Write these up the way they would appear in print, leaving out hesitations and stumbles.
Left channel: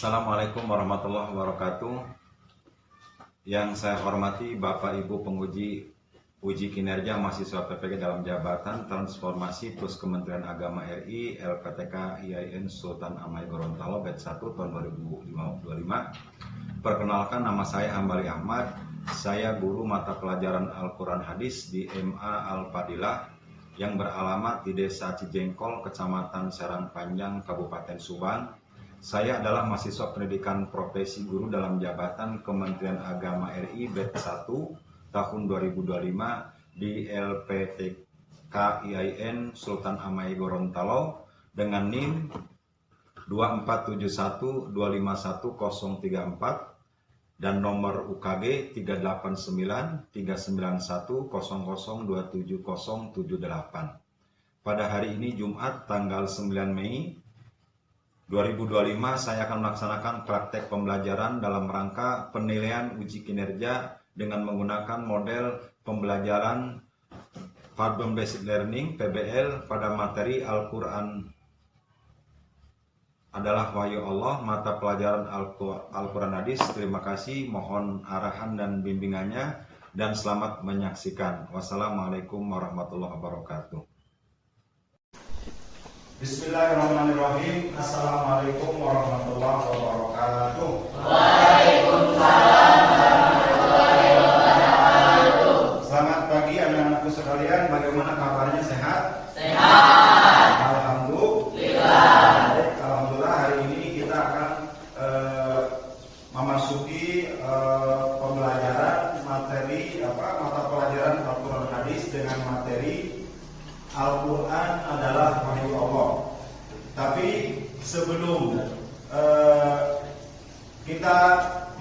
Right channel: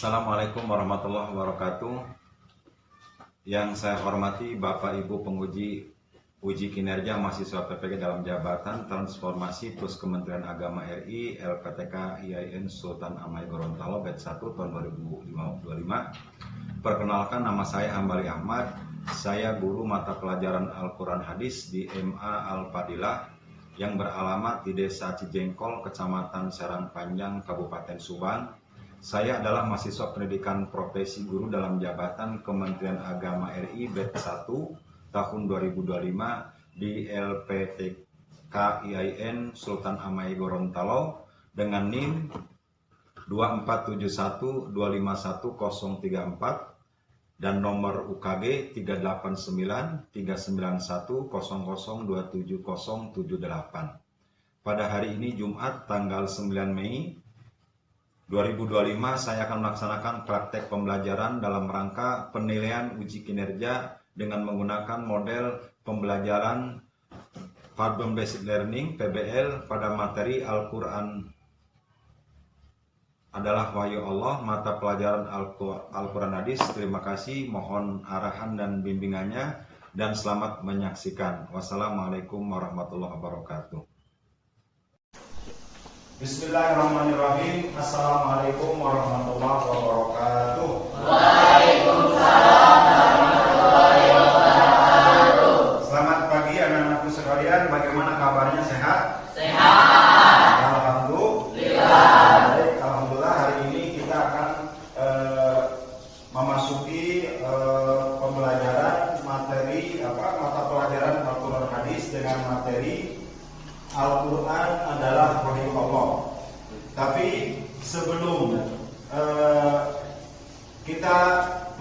Assalamualaikum warahmatullahi wabarakatuh. Yang saya hormati Bapak Ibu penguji uji kinerja mahasiswa PPG dalam jabatan Transformasi Plus Kementerian Agama RI LPTK IAIN Sultan Amai Gorontalo batch 1 tahun 2025. Perkenalkan, nama saya Hambali Ahmad. Saya guru mata pelajaran Al-Quran Hadis di MA Al-Fadilah yang beralamat di Desa Cijengkol, Kecamatan Serang Panjang, Kabupaten Subang. Saya adalah mahasiswa pendidikan profesi guru dalam jabatan Kementerian Agama RI batch 1 tahun 2025 di LPTK IAIN Sultan Amai Gorontalo dengan NIM 24712511034 dan nomor UKG 3893910027078. Pada hari ini Jumat tanggal 9 Mei 2025 saya akan melaksanakan praktek pembelajaran dalam rangka penilaian uji kinerja dengan menggunakan model pembelajaran Problem Based Learning PBL pada materi Al-Quran adalah Wahyu Allah, mata pelajaran Al-Quran Hadis. Terima kasih, mohon arahan dan bimbingannya dan selamat menyaksikan. Wassalamualaikum warahmatullahi wabarakatuh. Bismillahirrahmanirrahim. Assalamualaikum warahmatullahi wabarakatuh. Waalaikumsalam warahmatullahi wabarakatuh. Selamat pagi anak-anakku sekalian. Bagaimana kabarnya, sehat? Sehat. Alhamdulillah. Alhamdulillah, hari ini kita akan memasuki pembelajaran materi mata pelajaran Al-Quran Hadis dengan materi Al-Quran adalah Wahyu Allah. Tapi sebelum kita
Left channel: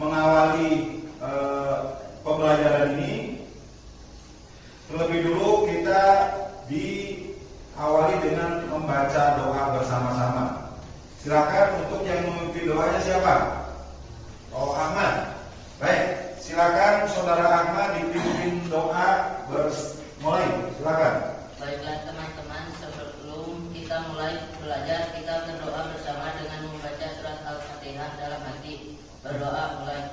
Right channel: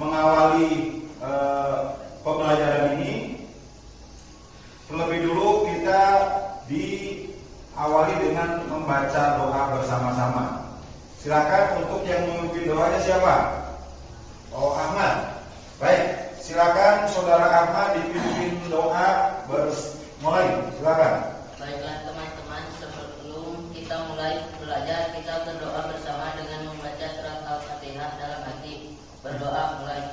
mengawali pembelajaran ini, terlebih dulu kita diawali dengan membaca doa bersama-sama. Silakan untuk yang memimpin doanya siapa? Oh, Ahmad. Baik, silakan Saudara Ahmad dipimpin doa mulai. Silakan. Baiklah teman-teman, sebelum kita mulai belajar, kita berdoa bersama dengan membaca surat Al-Fatihah dalam hati. Berdoa mulai.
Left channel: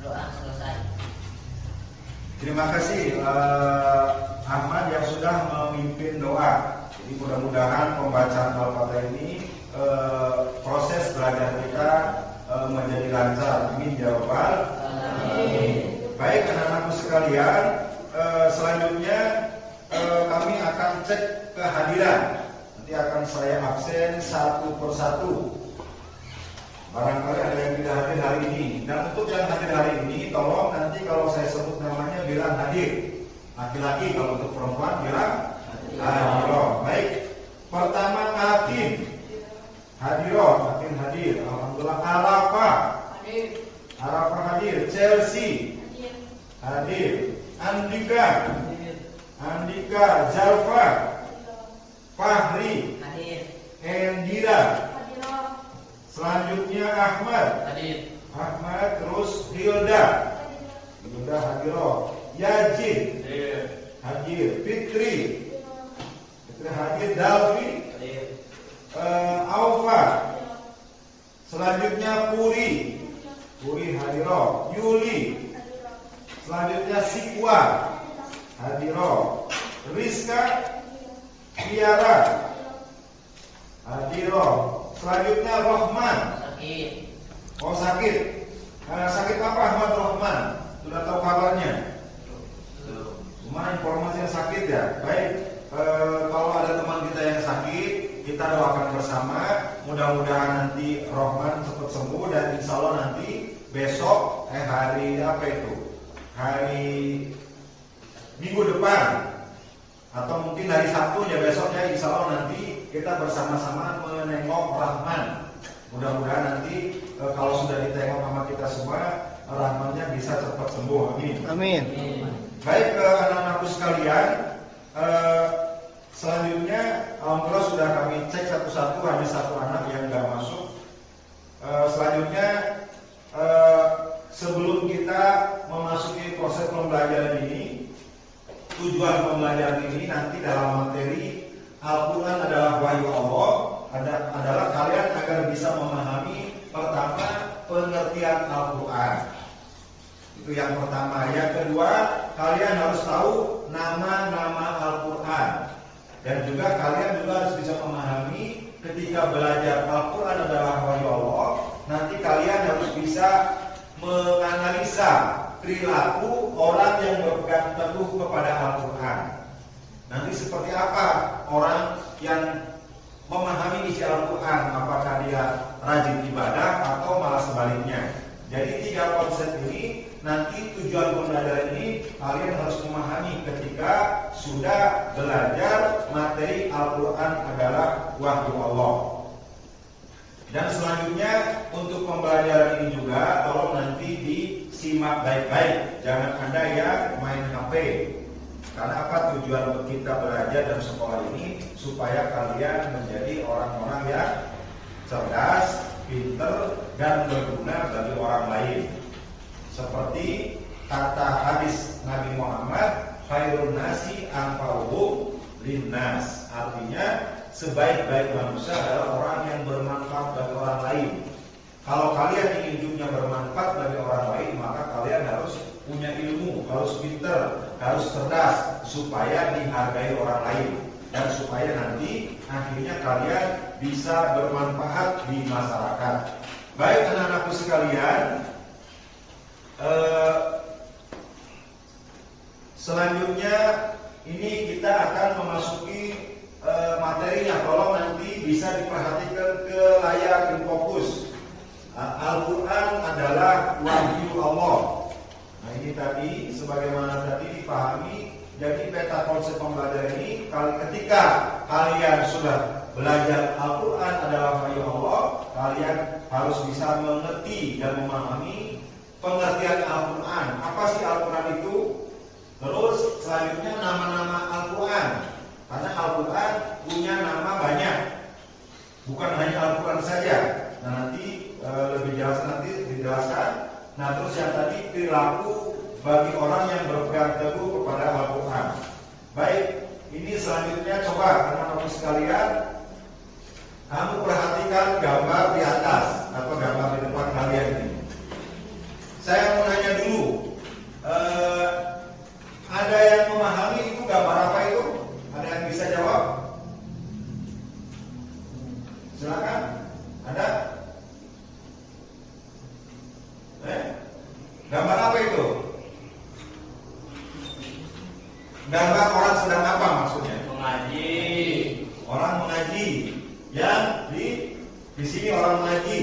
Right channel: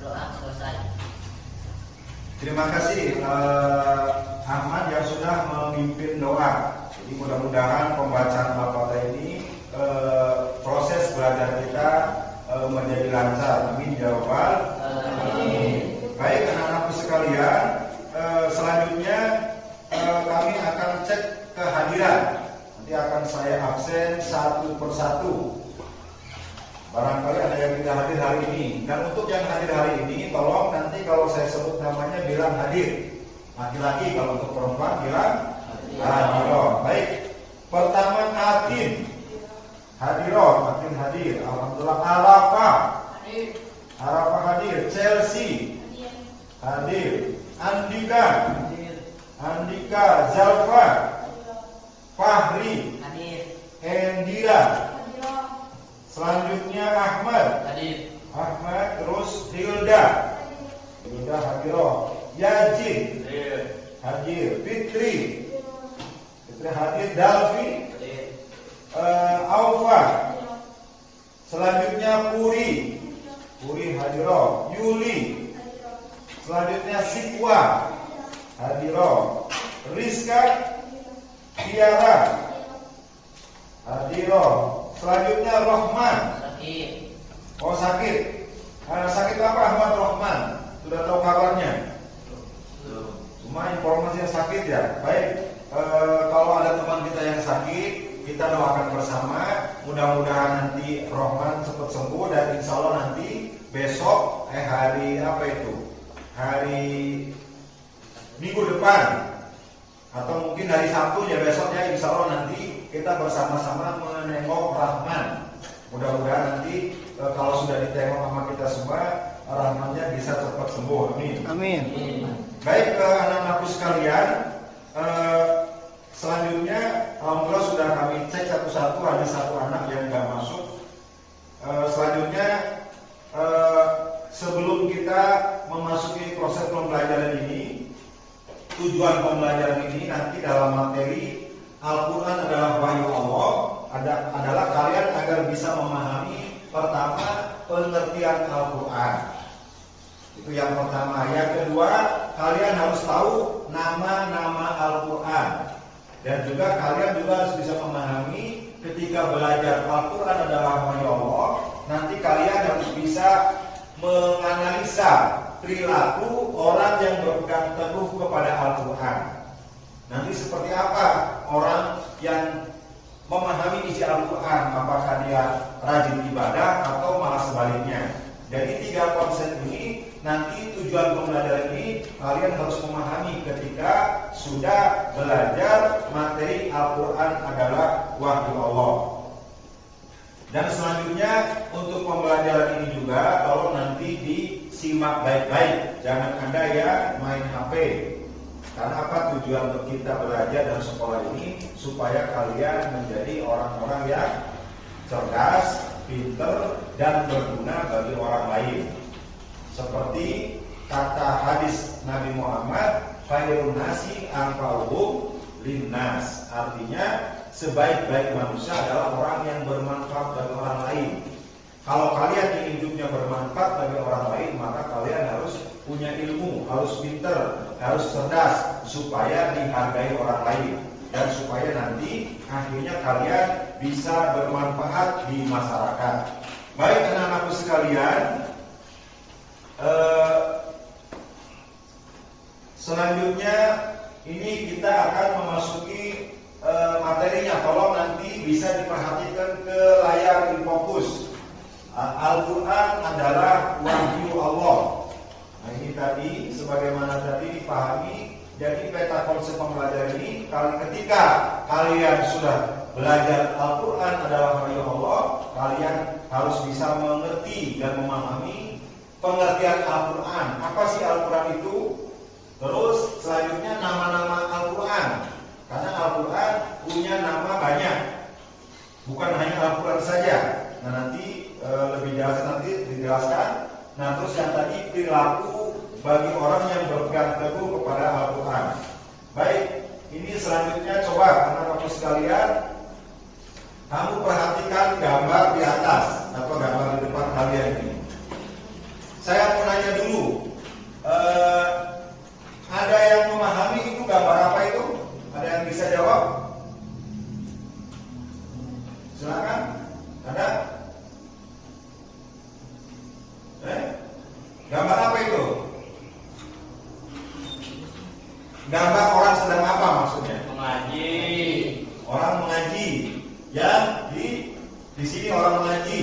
Berdoa selesai. Terima kasih Ahmad yang sudah memimpin doa. Jadi mudah-mudahan pembacaan Al-Fatihah ini proses belajar kita menjadi lancar. Amin ya rabbal alamin. Baik anak-anakku sekalian, selanjutnya kami akan cek kehadiran. Nanti akan saya absen satu persatu. Barangkali ada yang tidak hadir hari ini. Dan untuk yang hadir hari ini, tolong nanti kalau saya sebut namanya bilang hadir. Laki-laki, kalau untuk perempuan bilang hadir. Baik. Pertama Atin. Hadiroh, makin hadir. Alhamdulillah. Arafah hadir. Chelsea hadir. Andika, Zalfa, Fahri, Endira. Selanjutnya Ahmad, terus Hilda hadiroh. Yazid hadir. Fitri hadir. Dalvi, Aufa. Selanjutnya Puri hadiroh. Yuli. Selanjutnya Sikwa hadiroh. Rizka, Tiara hadiroh. Selanjutnya Rahman. Sakit. Sakit apa Ahmad Rahman? Sudah tahu kabarnya? Cuma informasinya sakit ya. Baik. Kalau ada teman kita yang sakit, kita doakan bersama. Mudah-mudahan nanti Rahman cepat sembuh dan insya Allah nanti besok hari Minggu depan atau mungkin hari Sabtu ya besoknya insya Allah nanti kita bersama-sama menengok Rahman. Mudah-mudahan nanti kalau sudah ditengok sama kita semua, Rahmannya bisa cepat sembuh. Amin. Baik anak-anakku sekalian, selanjutnya alhamdulillah sudah kami cek satu-satu, ada satu anak yang sudah masuk. Selanjutnya sebelum kita memasuki proses pembelajaran ini, tujuan pembelajaran ini nanti dalam materi Al-Quran adalah wahyu Allah adalah kalian agar bisa memahami pertama pengertian Al-Quran. Itu yang pertama. Yang kedua, kalian harus tahu nama-nama Al-Quran. Dan juga kalian juga harus bisa memahami ketika belajar Al-Quran adalah wahyu Allah, nanti kalian harus bisa menganalisa perilaku orang yang berpegang teguh kepada Al-Quran. Nanti seperti apa orang yang memahami isi Al-Quran, apakah dia rajin ibadah atau malah sebaliknya. Jadi 3 konsep ini nanti tujuan pembelajaran ini kalian harus memahami ketika sudah belajar materi Al-Quran adalah wahyu Allah. Dan selanjutnya untuk pembelajaran ini juga tolong nanti disimak baik-baik, jangan Anda ya main HP. Karena apa tujuan kita belajar dan sekolah ini supaya kalian menjadi orang-orang yang cerdas, pintar dan berguna bagi orang lain. Seperti kata hadis Nabi Muhammad, khairun nasi anfa'uhum linnas. Artinya sebaik-baik manusia adalah orang yang bermanfaat bagi orang lain. Kalau kalian ingin hidupnya bermanfaat bagi orang lain, maka kalian harus punya ilmu, harus pintar, harus cerdas supaya dihargai orang lain dan supaya nanti akhirnya kalian bisa bermanfaat di masyarakat. Baik anak-anakku sekalian, selanjutnya ini kita akan memasuki materinya. Tolong nanti bisa diperhatikan ke layar InFocus. Al-Quran adalah wahyu Allah. Nah ini tadi sebagaimana tadi dipahami. Jadi peta konsep pembelajaran ini ketika kalian sudah belajar Al-Quran adalah wahyu Allah, kalian harus bisa mengerti dan memahami pengertian Al-Quran. Apa sih Al-Quran itu? Terus selanjutnya nama-nama Al-Quran. Karena Al-Quran punya nama banyak, bukan hanya Al-Quran saja. Nah nanti lebih jelas nanti dijelaskan. Nah terus yang tadi perilaku bagi orang yang berpegang teguh kepada Al-Quran. Baik, ini selanjutnya coba anak-anak sekalian, kamu perhatikan gambar di atas atau gambar di depan kalian ini. Saya mau nanya dulu, ada yang memahami itu gambar apa itu? Ada yang bisa jawab? Silakan. Ada? Gambar apa itu? Gambar orang sedang apa maksudnya? Mengaji. Orang mengaji. Yang di sini orang mengaji.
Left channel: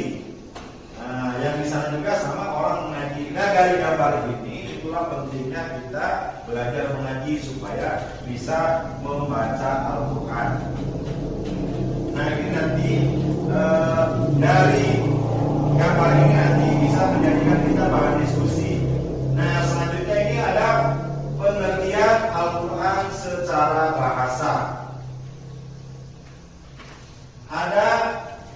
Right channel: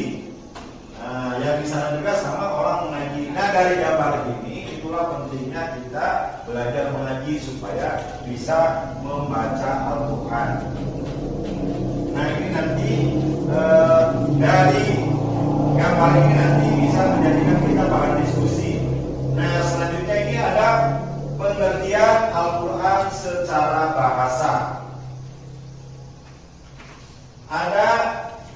Nah, yang di sana juga sama orang mengaji. Nah, dari gambar ini itulah pentingnya kita belajar mengaji supaya bisa membaca Al-Quran. Nah, ini nanti dari gambar ini nanti bisa menjadikan kita bahan diskusi. Nah, yang selanjutnya ini ada pengertian Al-Quran secara bahasa. Ada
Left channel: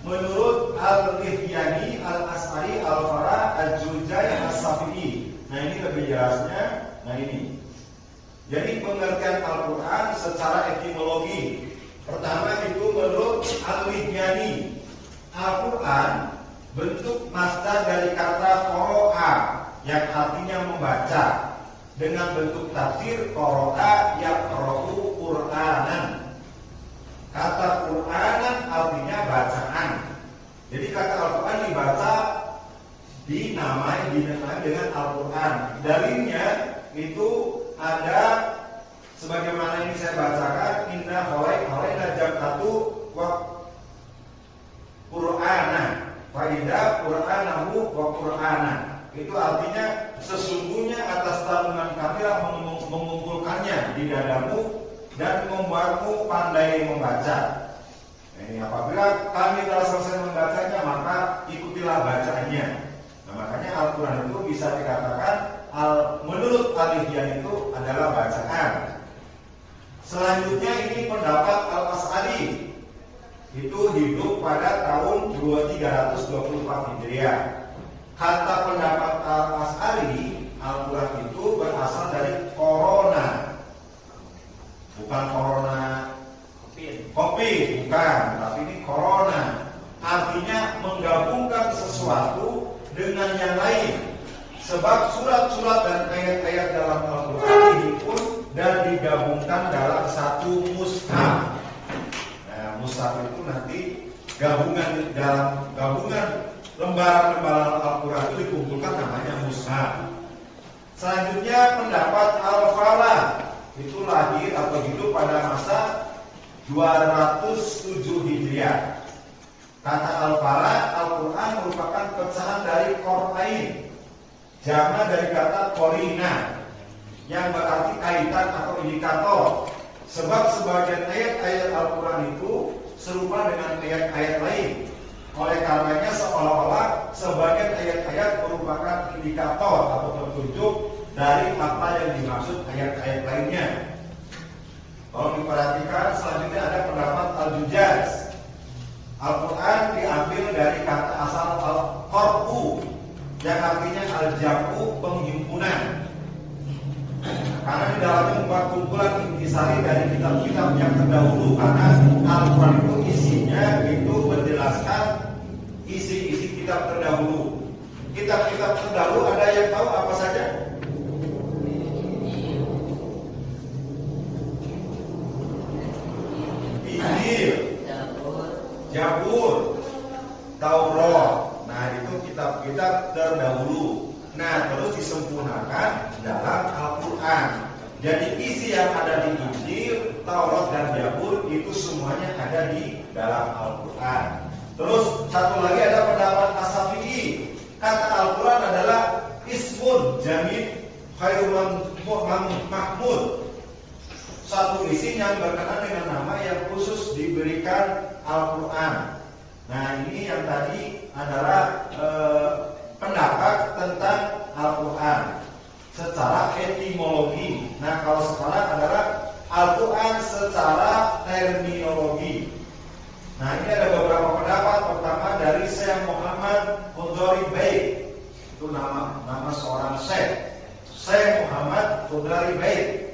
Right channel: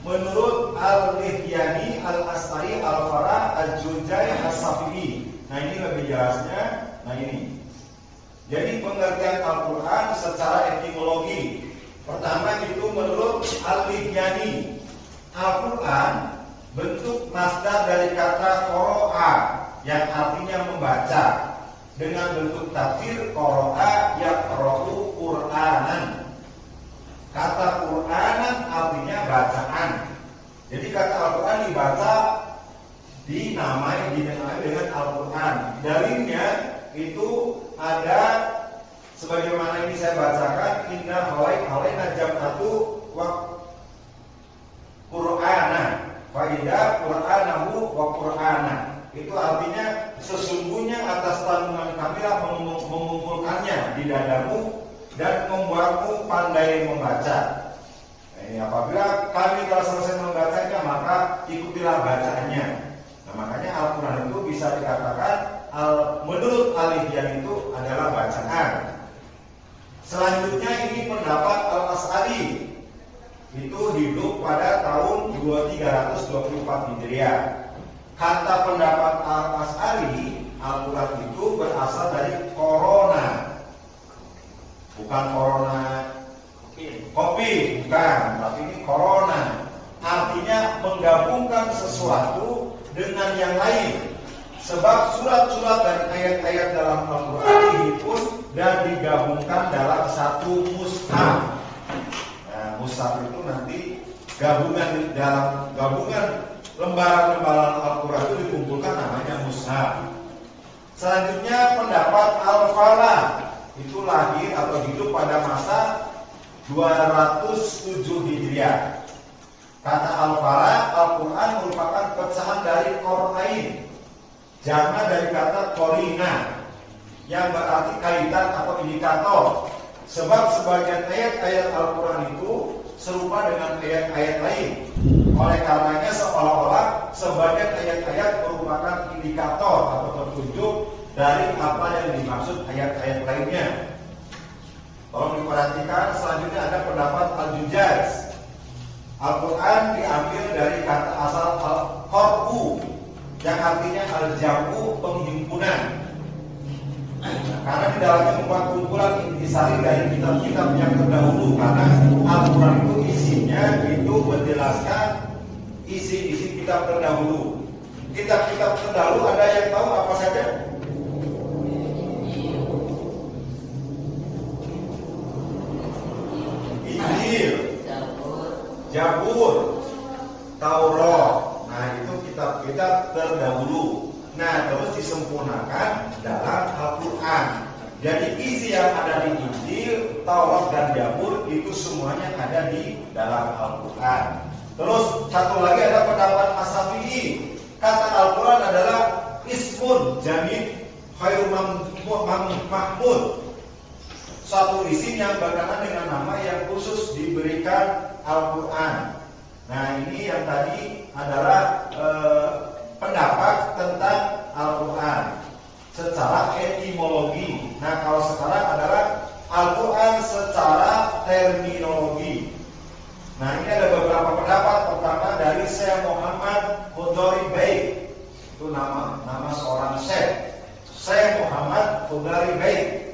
menurut Al-Lihyani, Al-As'ari, Al-Farah, Al-Jurjani, Al-Safi'i. Nah ini lebih jelasnya. Nah ini. Jadi pengertian Al-Quran secara etimologi. Pertama itu menurut Al-Lihyani, Al-Quran bentuk masdar dari kata qoro'a yang artinya membaca, dengan bentuk tafsir qoro'a yaqra'u Qur'anan. Kata Qur'anan artinya bacaan. Jadi kata Al-Quran dibaca, dinamai dengan Al-Quran. Dalilnya itu ada sebagaimana ini saya bacakan, inna hawai najamatu wa Qur'ana fa idza Qur'anahu wa Qur'ana. Itu artinya sesungguhnya atas tanggungan kamilah mengumpulkannya di dadamu dan membuatmu pandai membaca. Nah, ini apabila kami telah selesai membacanya, maka ikutilah bacaannya. Nah, makanya Al-Quran itu bisa dikatakan menurut Al-Lihyani itu adalah bacaan. Selanjutnya ini pendapat Al-As'ari. Itu hidup pada tahun 2324 Hijriah. kata pendapat Al-Asy'ari, Al-Quran itu berasal dari corona. Bukan corona COVID, bukan, tapi ini corona. Artinya menggabungkan sesuatu dengan yang lain. Sebab surat-surat dan ayat-ayat dalam Al-Quran ini pun dan digabungkan dalam satu mushaf. Nah, mushaf itu nanti gabungan dalam gabungan lembaran-lembaran Al-Quran itu dikumpulkan namanya mushaf. Selanjutnya pendapat Al-Falah itu lahir atau hidup pada masa 207 Hijriah. Kata Al-Falah, Al-Quran merupakan pecahan dari Qur'ain, jamak dari kata Qorina, yang berarti kaitan atau indikator. Sebab sebagian ayat-ayat Al-Quran itu serupa dengan ayat-ayat lain. Oleh karenanya seolah-olah sebagian ayat-ayat merupakan indikator atau petunjuk dari apa yang dimaksud ayat-ayat lainnya. Kalau diperhatikan, selanjutnya ada pendapat Al-Jujaz. Al-Quran diambil dari kata asal Al-Qar'u, yang artinya al-jam'u, penghimpunan. Karena di dalamnya membuat kumpulan intisari dari kitab-kitab yang terdahulu. Karena Al-Quran itu isinya itu menjelaskan isi-isi kitab terdahulu. Kitab-kitab terdahulu ada yang tahu apa saja? Injil, Zabur, Taurat. Nah, itu kitab-kitab terdahulu. Nah, terus disempurnakan dalam Al-Quran. Jadi isi yang ada di Injil, Taurat dan Zabur itu semuanya ada di dalam Al-Quran. Terus satu lagi ada pendapat As-Syafi'i. Kata Al-Quran adalah ismun jamid khairum mahmud. Satu isi yang berkenaan dengan nama yang khusus diberikan Al-Quran. Nah, ini yang tadi adalah pendapat tentang Al-Quran secara etimologi. Nah, kalau sekarang adalah Al-Quran secara terminologi. Nah, ini ada beberapa pendapat. Pertama dari Syekh Muhammad Qudari Baik. Itu nama seorang Syekh Muhammad Qudari Baik.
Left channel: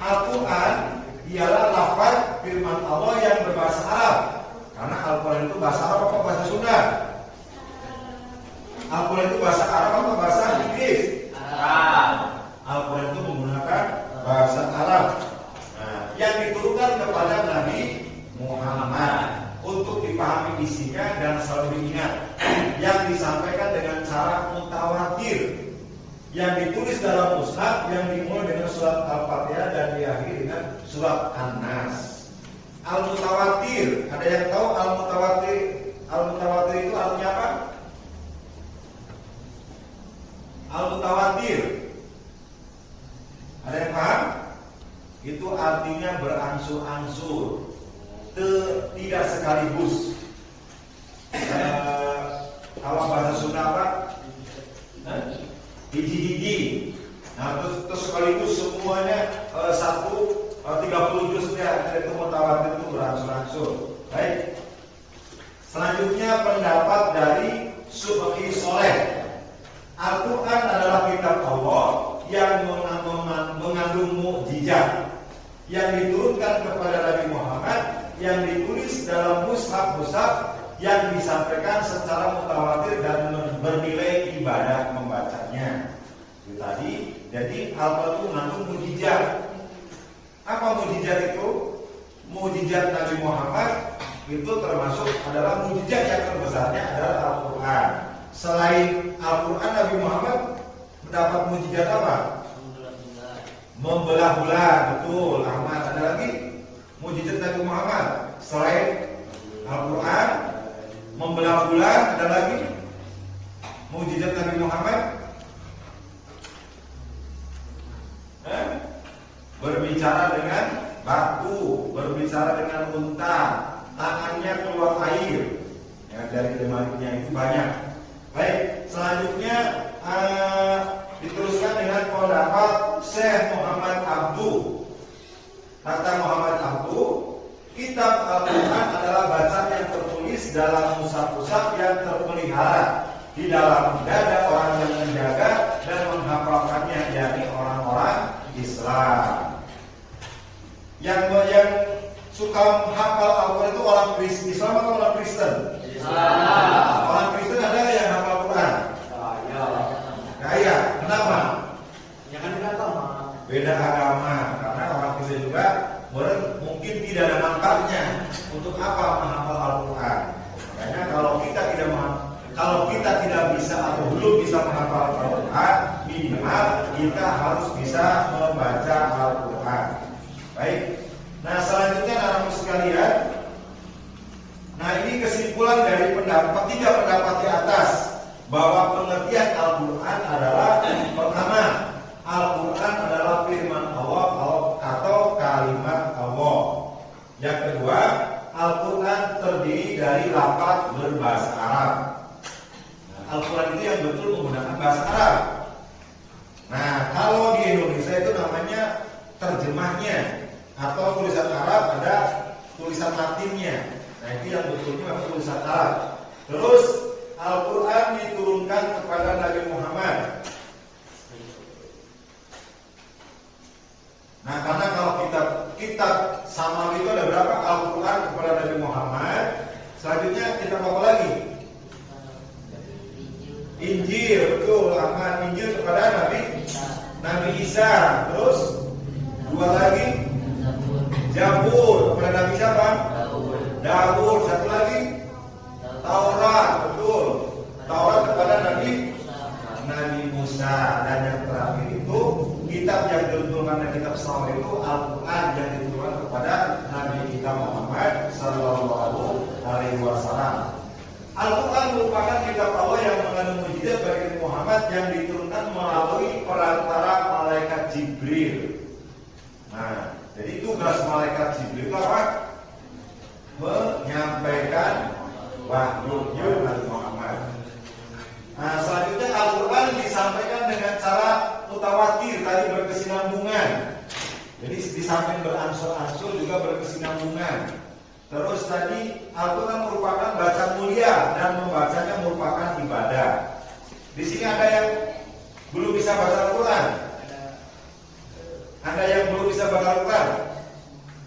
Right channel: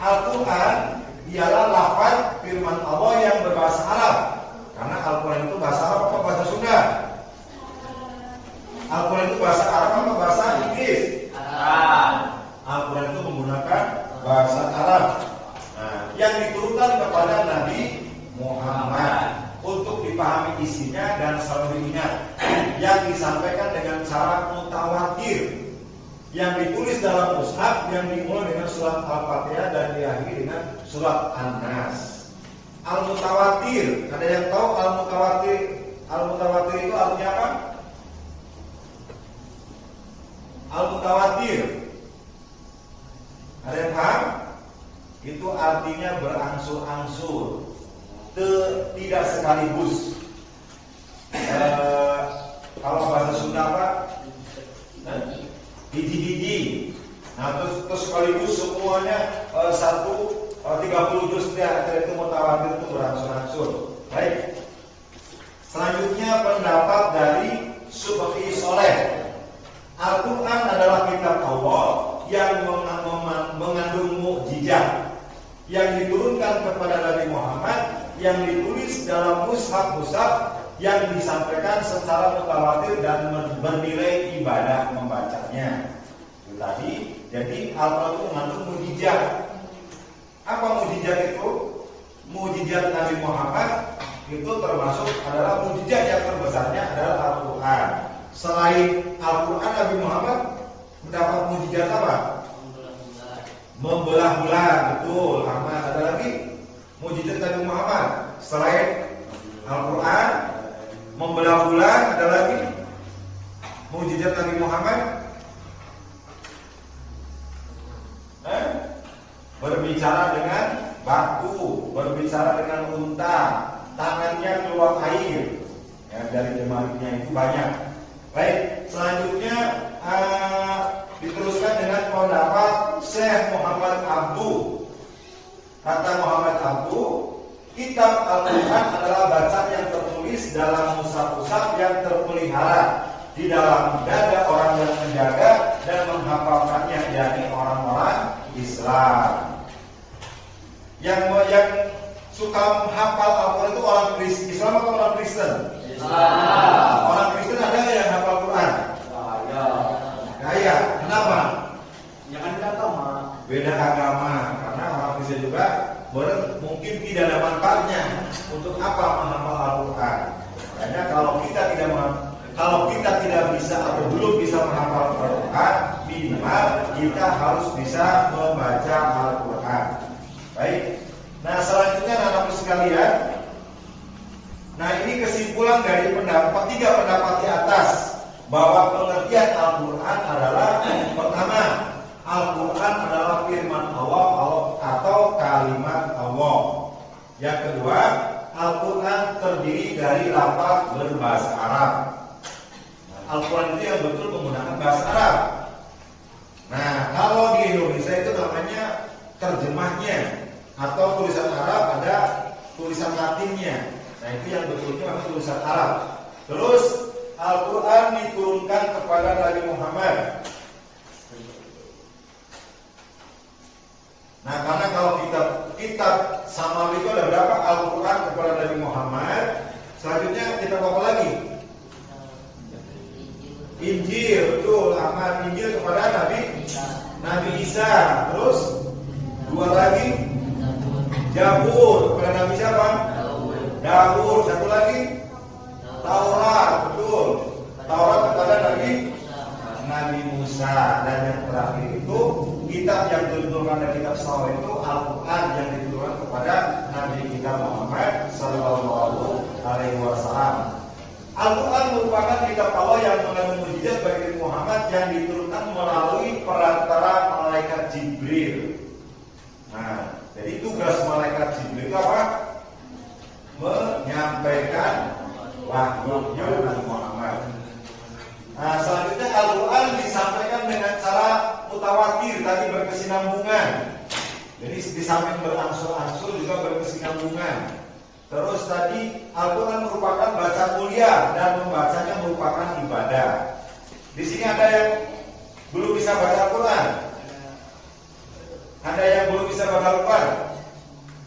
Al-Quran ialah lafaz firman Allah yang berbahasa Arab. Karena Al-Quran itu bahasa Arab atau bahasa Sunda? Al-Quran itu bahasa Arab atau bahasa Inggris? Arab. Al-Quran itu menggunakan bahasa Arab. Nah, yang diturunkan kepada Nabi Muhammad untuk dipahami isinya dan selalu diingat. Yang disampaikan dengan cara mutawatir, yang ditulis dalam mushaf yang dimulai dengan surat Al-Fatihah dan diakhiri dengan surat An-Nas. Al-Mutawatir, ada yang tahu Al-Mutawatir itu artinya apa? Al-Mutawatir, ada yang paham? Itu artinya berangsur-angsur, tidak sekaligus. Kalau bahasa Sunda apa? Gigi-gigi. Nah, terus sekaligus semuanya 30 juz itu mutawatir, itu berangsur-angsur. Baik. Selanjutnya pendapat dari Subki Soleh. Al-Quran adalah kitab Allah yang mengandung mukjizat yang diturunkan kepada Nabi Muhammad, yang ditulis dalam mushaf-mushaf yang disampaikan secara mutawatir dan bernilai ibadah membacanya. Itu tadi, jadi Al-Quran itu mengandung mukjizat. Apa mukjizat itu? Mukjizat Nabi Muhammad itu termasuk adalah mukjizat yang terbesarnya adalah Al-Quran. Selain Al-Quran, Nabi Muhammad mendapat mukjizat apa? Membelah-belah, betul. Karena ada lagi mukjizat Nabi Muhammad selain Al-Quran, membelah-belah, ada lagi mukjizat Nabi Muhammad. Berbicara dengan batu, berbicara dengan unta, tangannya keluar air, ya, dari jemarinya itu banyak. Baik, selanjutnya diteruskan dengan pendapat Syekh Muhammad Abduh. Kata Muhammad Abduh, kitab Al-Quran adalah bacaan yang tertulis dalam mushaf-mushaf yang terpelihara di dalamnya ada orang yang menjaga dan menghafalkannya, yakni orang-orang Islam. Yang suka menghafal Al-Quran itu orang Kristen, Islam atau orang Kristen? Islam. Orang Kristen ada nggak yang hafal Quran? Nah, iya. Kenapa? Jangan beda agama. Beda agama, karena orang Kristen juga mungkin tidak ada manfaatnya. Untuk apa menghafal Al-Quran? Makanya kalau kita tidak bisa atau belum bisa menghafal Al-Quran, minimal kita harus bisa membaca Al-Quran. Baik. Nah, selanjutnya anak-anak sekalian, nah ini kesimpulan dari tiga pendapat di atas, bahwa pengertian Al-Quran adalah pertama, Al-Quran adalah firman Allah atau kalimat Allah. Yang kedua, Al-Quran terdiri dari lafaz berbahasa Arab. Al-Quran itu yang betul menggunakan bahasa Arab. Nah, kalau di Indonesia itu namanya terjemahnya, atau tulisan Arab ada tulisan Latinnya. Nah, itu yang betul-betul tulisan Arab. Terus Al-Quran diturunkan kepada Nabi Muhammad. Nah, karena kalau kitab Samawi itu ada berapa? Al-Quran kepada Nabi Muhammad. Selanjutnya kita apa lagi? Injil, betul. Injil kepada Nabi Isa. Terus dua lagi Zabur kepada Nabi siapa? Daud. Satu lagi Taurat, betul. Taurat kepada Nabi Musa. Dan yang terakhir itu kitab yang diturunkan dari kitab Samawi itu Al-Quran yang diturunkan kepada Nabi kita Muhammad Sallallahu Alaihi Wasallam. Al-Quran merupakan kitab Allah yang mengandung mukjizat bagi Muhammad yang diturunkan melalui perantara malaikat Jibril. Nah, jadi tugas malaikat Jibril itu apa? Menyampaikan wahyu Nabi Muhammad. Nah, selanjutnya Al-Quran disampaikan dengan cara mutawatir, tadi berkesinambungan. Jadi di samping berangsur-angsur juga berkesinambungan. Terus tadi Al-Quran merupakan baca mulia dan membacanya merupakan ibadah. Di sini ada yang belum bisa baca Al-Quran? Ada yang belum bisa baca Al-Quran?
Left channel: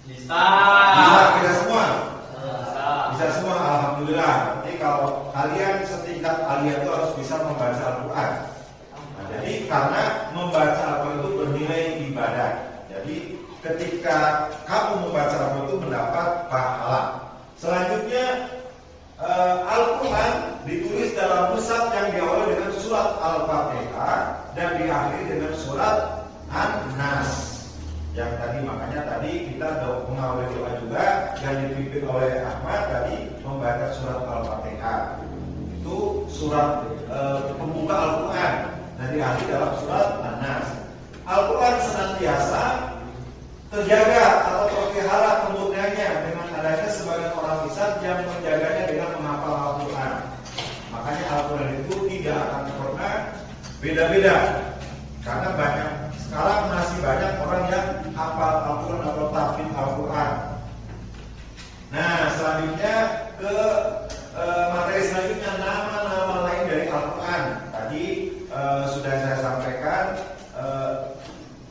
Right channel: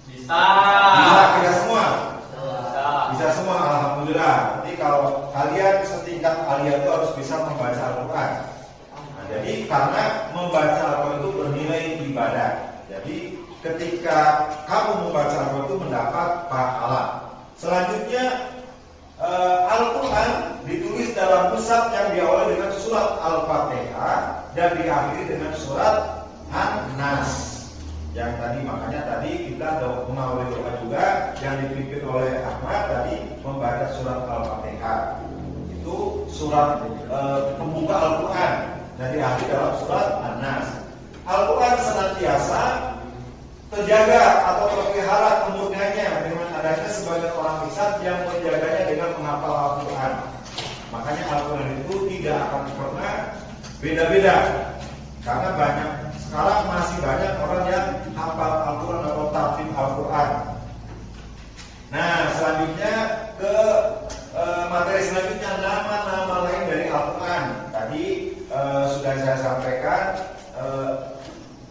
Bisa. Bisa, tidak semua? Bisa semua, alhamdulillah. Jadi kalau kalian setingkat kalian itu harus bisa membaca Al-Quran. Nah, jadi karena membaca Al-Quran itu bernilai ibadah. Jadi ketika kamu membaca Al-Quran itu mendapat pahala. Selanjutnya Al-Quran ditulis dalam mushaf yang diawali dengan surat Al-Fatihah dan diakhiri dengan surat An-Nas. Yang tadi makanya tadi kita mengawali doa juga yang dipimpin oleh Ahmad tadi membaca surat Al-Fatihah. Itu surat pembuka Al-Quran dan diakhiri dalam surat An-Nas. Al-Quran senantiasa terjaga atau terpelihara kemurniannya dengan adanya sebagian orang Islam yang menjaganya dengan menghafal Al-Quran. Makanya Al-Quran itu tidak akan pernah beda-beda. Karena sekarang masih banyak orang yang hafal Al-Quran atau tahfidz Al-Quran. Nah, selanjutnya ke materi selanjutnya, nama-nama lain dari Al-Quran. Tadi sudah saya sampaikan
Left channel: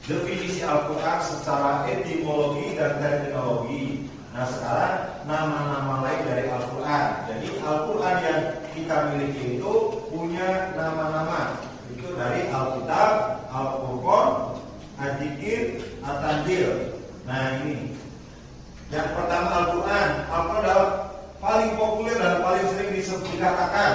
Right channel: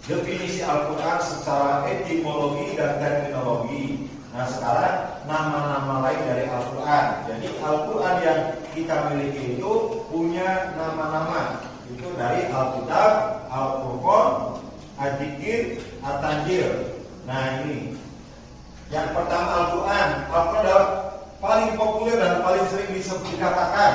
definisi Al-Quran secara etimologi dan terminologi. Nah, sekarang nama-nama lain dari Al-Quran. Jadi Al-Quran yang kita miliki itu punya nama-nama. Itu dari Alkitab, Al-Furqan, Al-Dzikr, At-Tanzil. Nah, ini yang pertama Al-Quran. Al-Quran adalah paling populer dan paling sering dilekatkan.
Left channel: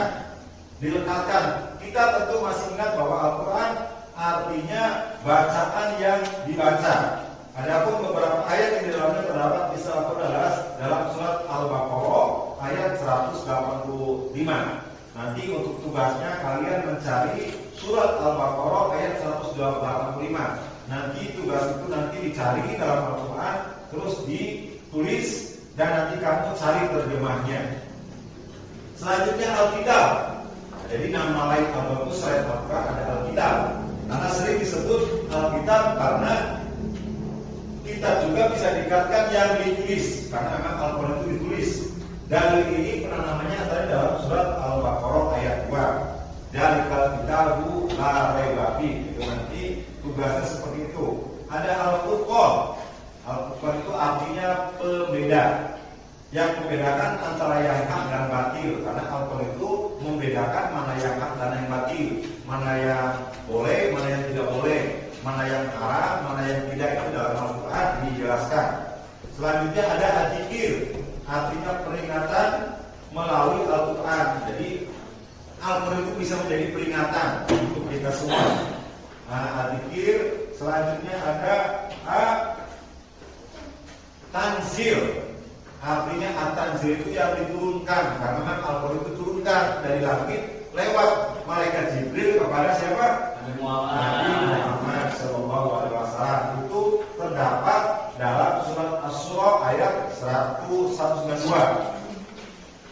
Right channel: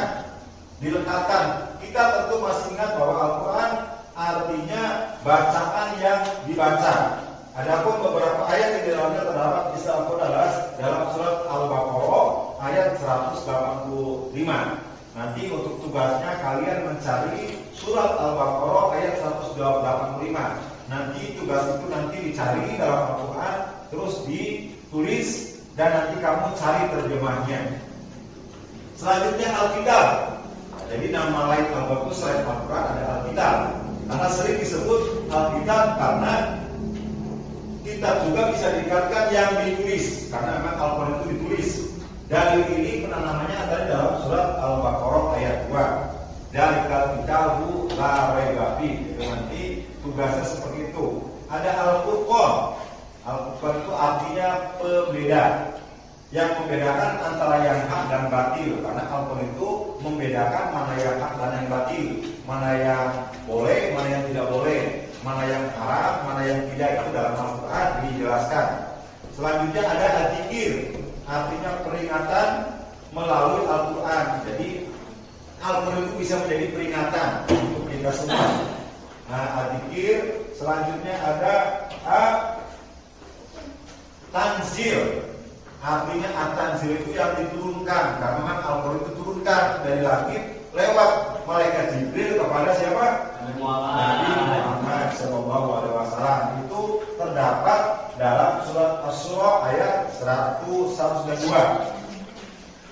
Kita tentu masih ingat bahwa Al-Quran artinya bacaan yang dibaca. Adapun beberapa ayat yang di dalamnya terdapat di Al-Quran adalah dalam surat Al-Baqarah ayat 185. Nanti untuk tugasnya kalian mencari surat Al-Baqarah ayat 185. Nanti tugas itu nanti dicari dalam Al-Quran, terus ditulis dan nanti kamu cari terjemahnya. Selanjutnya Alkitab. Jadi nama lain Al-Quran itu selain Al-Quran ada Alkitab. Karena sering disebut Alkitab karena kita juga bisa dikatakan yang ditulis. Karena memang Al-Quran itu ditulis. Dalil ini pernah namanya ada dalam surat Al-Baqarah ayat 2. Zalikal kitabu la raiba fiih. Nanti tugasnya seperti itu. Ada al-furqan. Al-furqan itu artinya pembeda, yang membedakan antara yang hak dan batil. Karena Al-Quran itu membedakan mana yang hak dan yang batil, mana yang boleh, mana yang tidak boleh, mana yang haram, mana yang tidak. Itu dalam Al-Quran dijelaskan. Selanjutnya ada al-dzikir, artinya peringatan melalui Al-Quran. Jadi Al-Quran itu bisa menjadi peringatan untuk kita semua. Nah, al-dzikir. Selanjutnya ada tanzil. Artinya at-tanzil itu yang diturunkan. Karena kan Al-Quran itu turunkan dari langit lewat malaikat Jibril kepada siapa? Nabi Muhammad SAW. Itu terdapat dalam surat Asy-Syura ayat 192.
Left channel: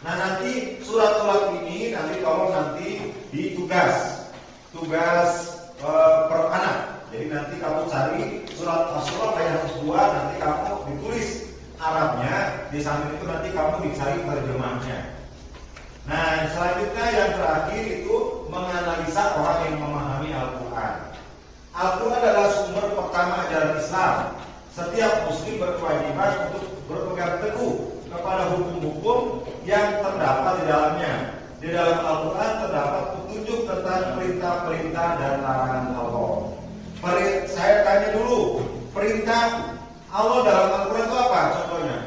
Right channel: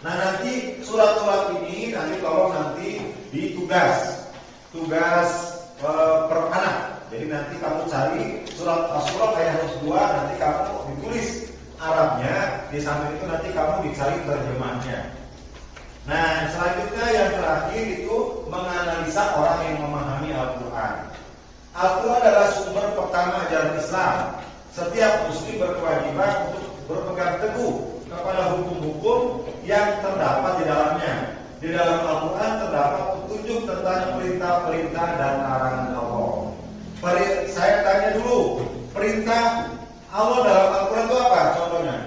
Nah, nanti surat-surat ini nanti tolong nanti di tugas per anak. Jadi nanti kamu cari surat Asy-Syura ayat 2, nanti kamu ditulis Arabnya, di samping itu nanti kamu dicari terjemahnya. Nah, selanjutnya yang terakhir itu menganalisa orang yang memahami Al-Quran. Al-Quran adalah sumber pertama ajaran Islam. Setiap muslim berkewajiban untuk berpegang teguh kepada hukum-hukum yang terdapat di dalamnya. Di dalam Al-Quran terdapat petunjuk tentang perintah-perintah dan larangan Allah. Saya tanya dulu, perintah Allah dalam Al-Quran itu apa contohnya?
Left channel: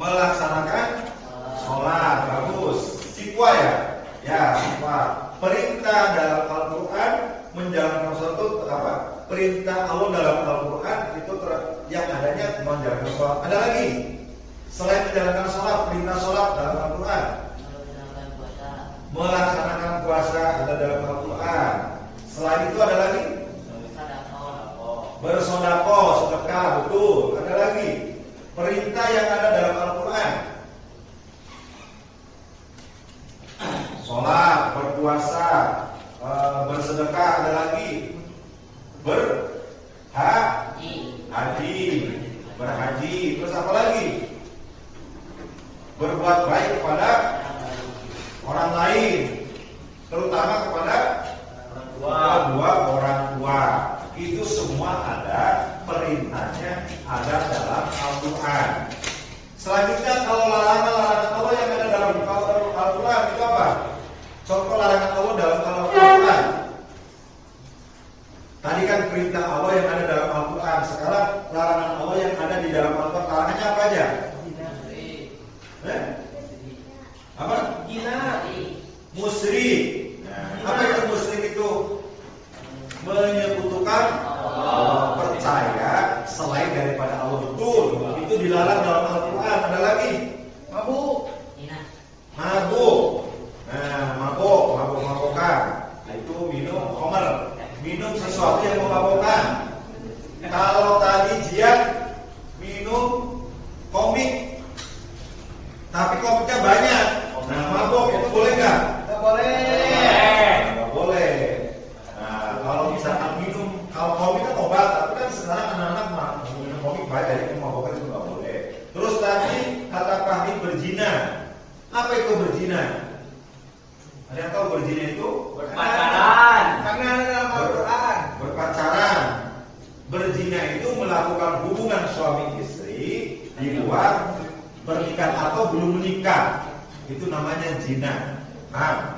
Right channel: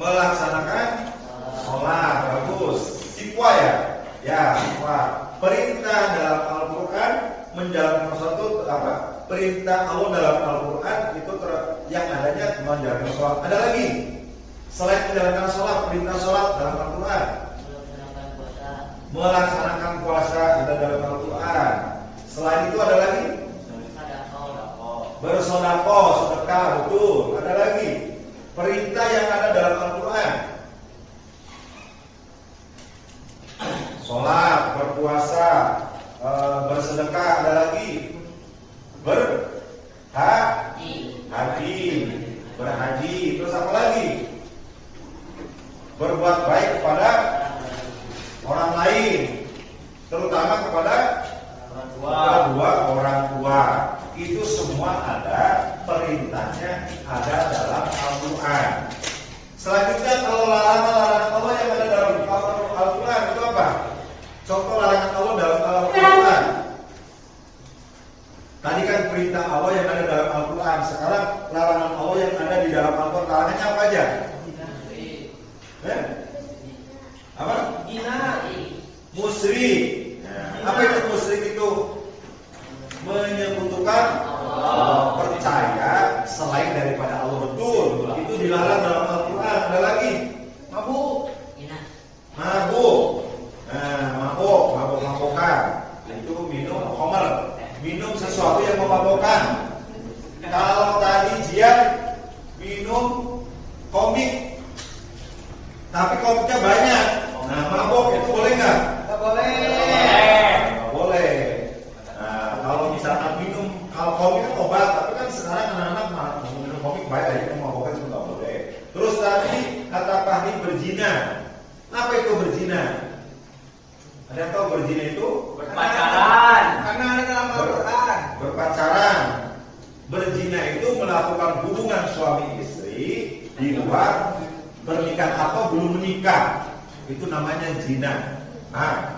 Melaksanakan sholat, bagus. Sikwa ya? Ya, sikwa. Perintah dalam Al-Quran menjalankan sholat itu apa? Perintah Allah dalam Al-Quran itu yang adanya menjalankan sholat. Ada lagi? Selain menjalankan sholat, perintah sholat dalam Al-Quran. Melaksanakan puasa ada dalam Al-Quran. Selain itu ada lagi? Bersedekah, sedekah, betul. Ada lagi perintah yang ada dalam Al-Quran. Sholat, berpuasa, bersedekah, ada lagi berhaji, terus apa lagi? Berbuat baik kepada orang lain, terutama kepada kedua orang tua. Itu semua ada perintahnya, ada dalam Al-Quran. Selanjutnya kalau larangan-larangan Allah yang ada dalam Al-Quran itu apa? Contoh larangan Allah dalam Al-Quran. Tadi kan perintah Allah yang ada dalam Al-Quran. Sekarang larangan Allah yang ada di dalam Al-Quran. Larangannya apa aja? Apa? Musyrik. Apa itu musyrik itu? Menyekutukan Allah, percaya selain daripada Allah, betul. Itu dilarang dalam Al-Quran. Ada lagi mabuk. Mabuk-mabukan. Itu minum khamar, minum sesuatu yang memabukkan. Kalau tadi jian minum komik, tapi komiknya banyak. Nah, mabuk itu boleh nggak? Nggak boleh. Nggak boleh. Kalau misalkan minum, kalau komik kan obat, tapi kan sekarang anak-anak minum komik banyak, jadi mabukkan itu nggak boleh. Terus tadi kata Fahri berzina. Apa itu berzina? Ada yang tahu berzina itu? Berpacaran. Karena ada dalam Al-Quran. Berpacaran. Berzina itu melakukan hubungan suami istri di luar bernikah atau belum menikah. Itu namanya zina. Nah,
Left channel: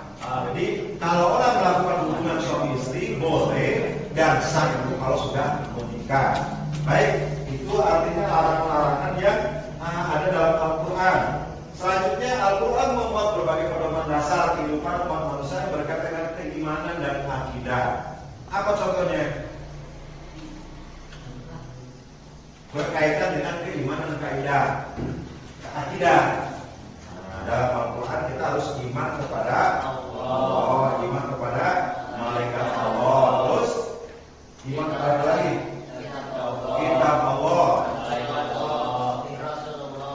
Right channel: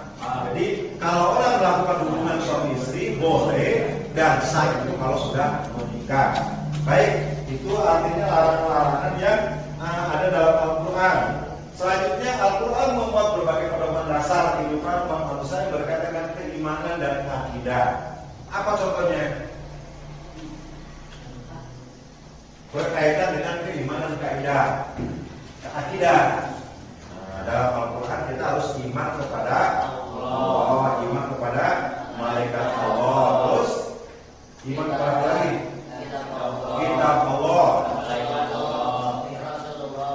jadi kalau orang melakukan hubungan suami istri boleh dan sah itu kalau sudah menikah. Baik, itu artinya larangan-larangan yang ada dalam Al-Quran. Selanjutnya Al-Quran membuat berbagai pedoman dasar kehidupan manusia berkaitan dengan keimanan dan akidah. Apa contohnya? Berkaitan dengan keimanan kaidah, akidah. Dalam Al-Quran kita harus iman kepada Allah, iman kepada malaikat Allah, terus iman kepada apa lagi? Kitab Allah,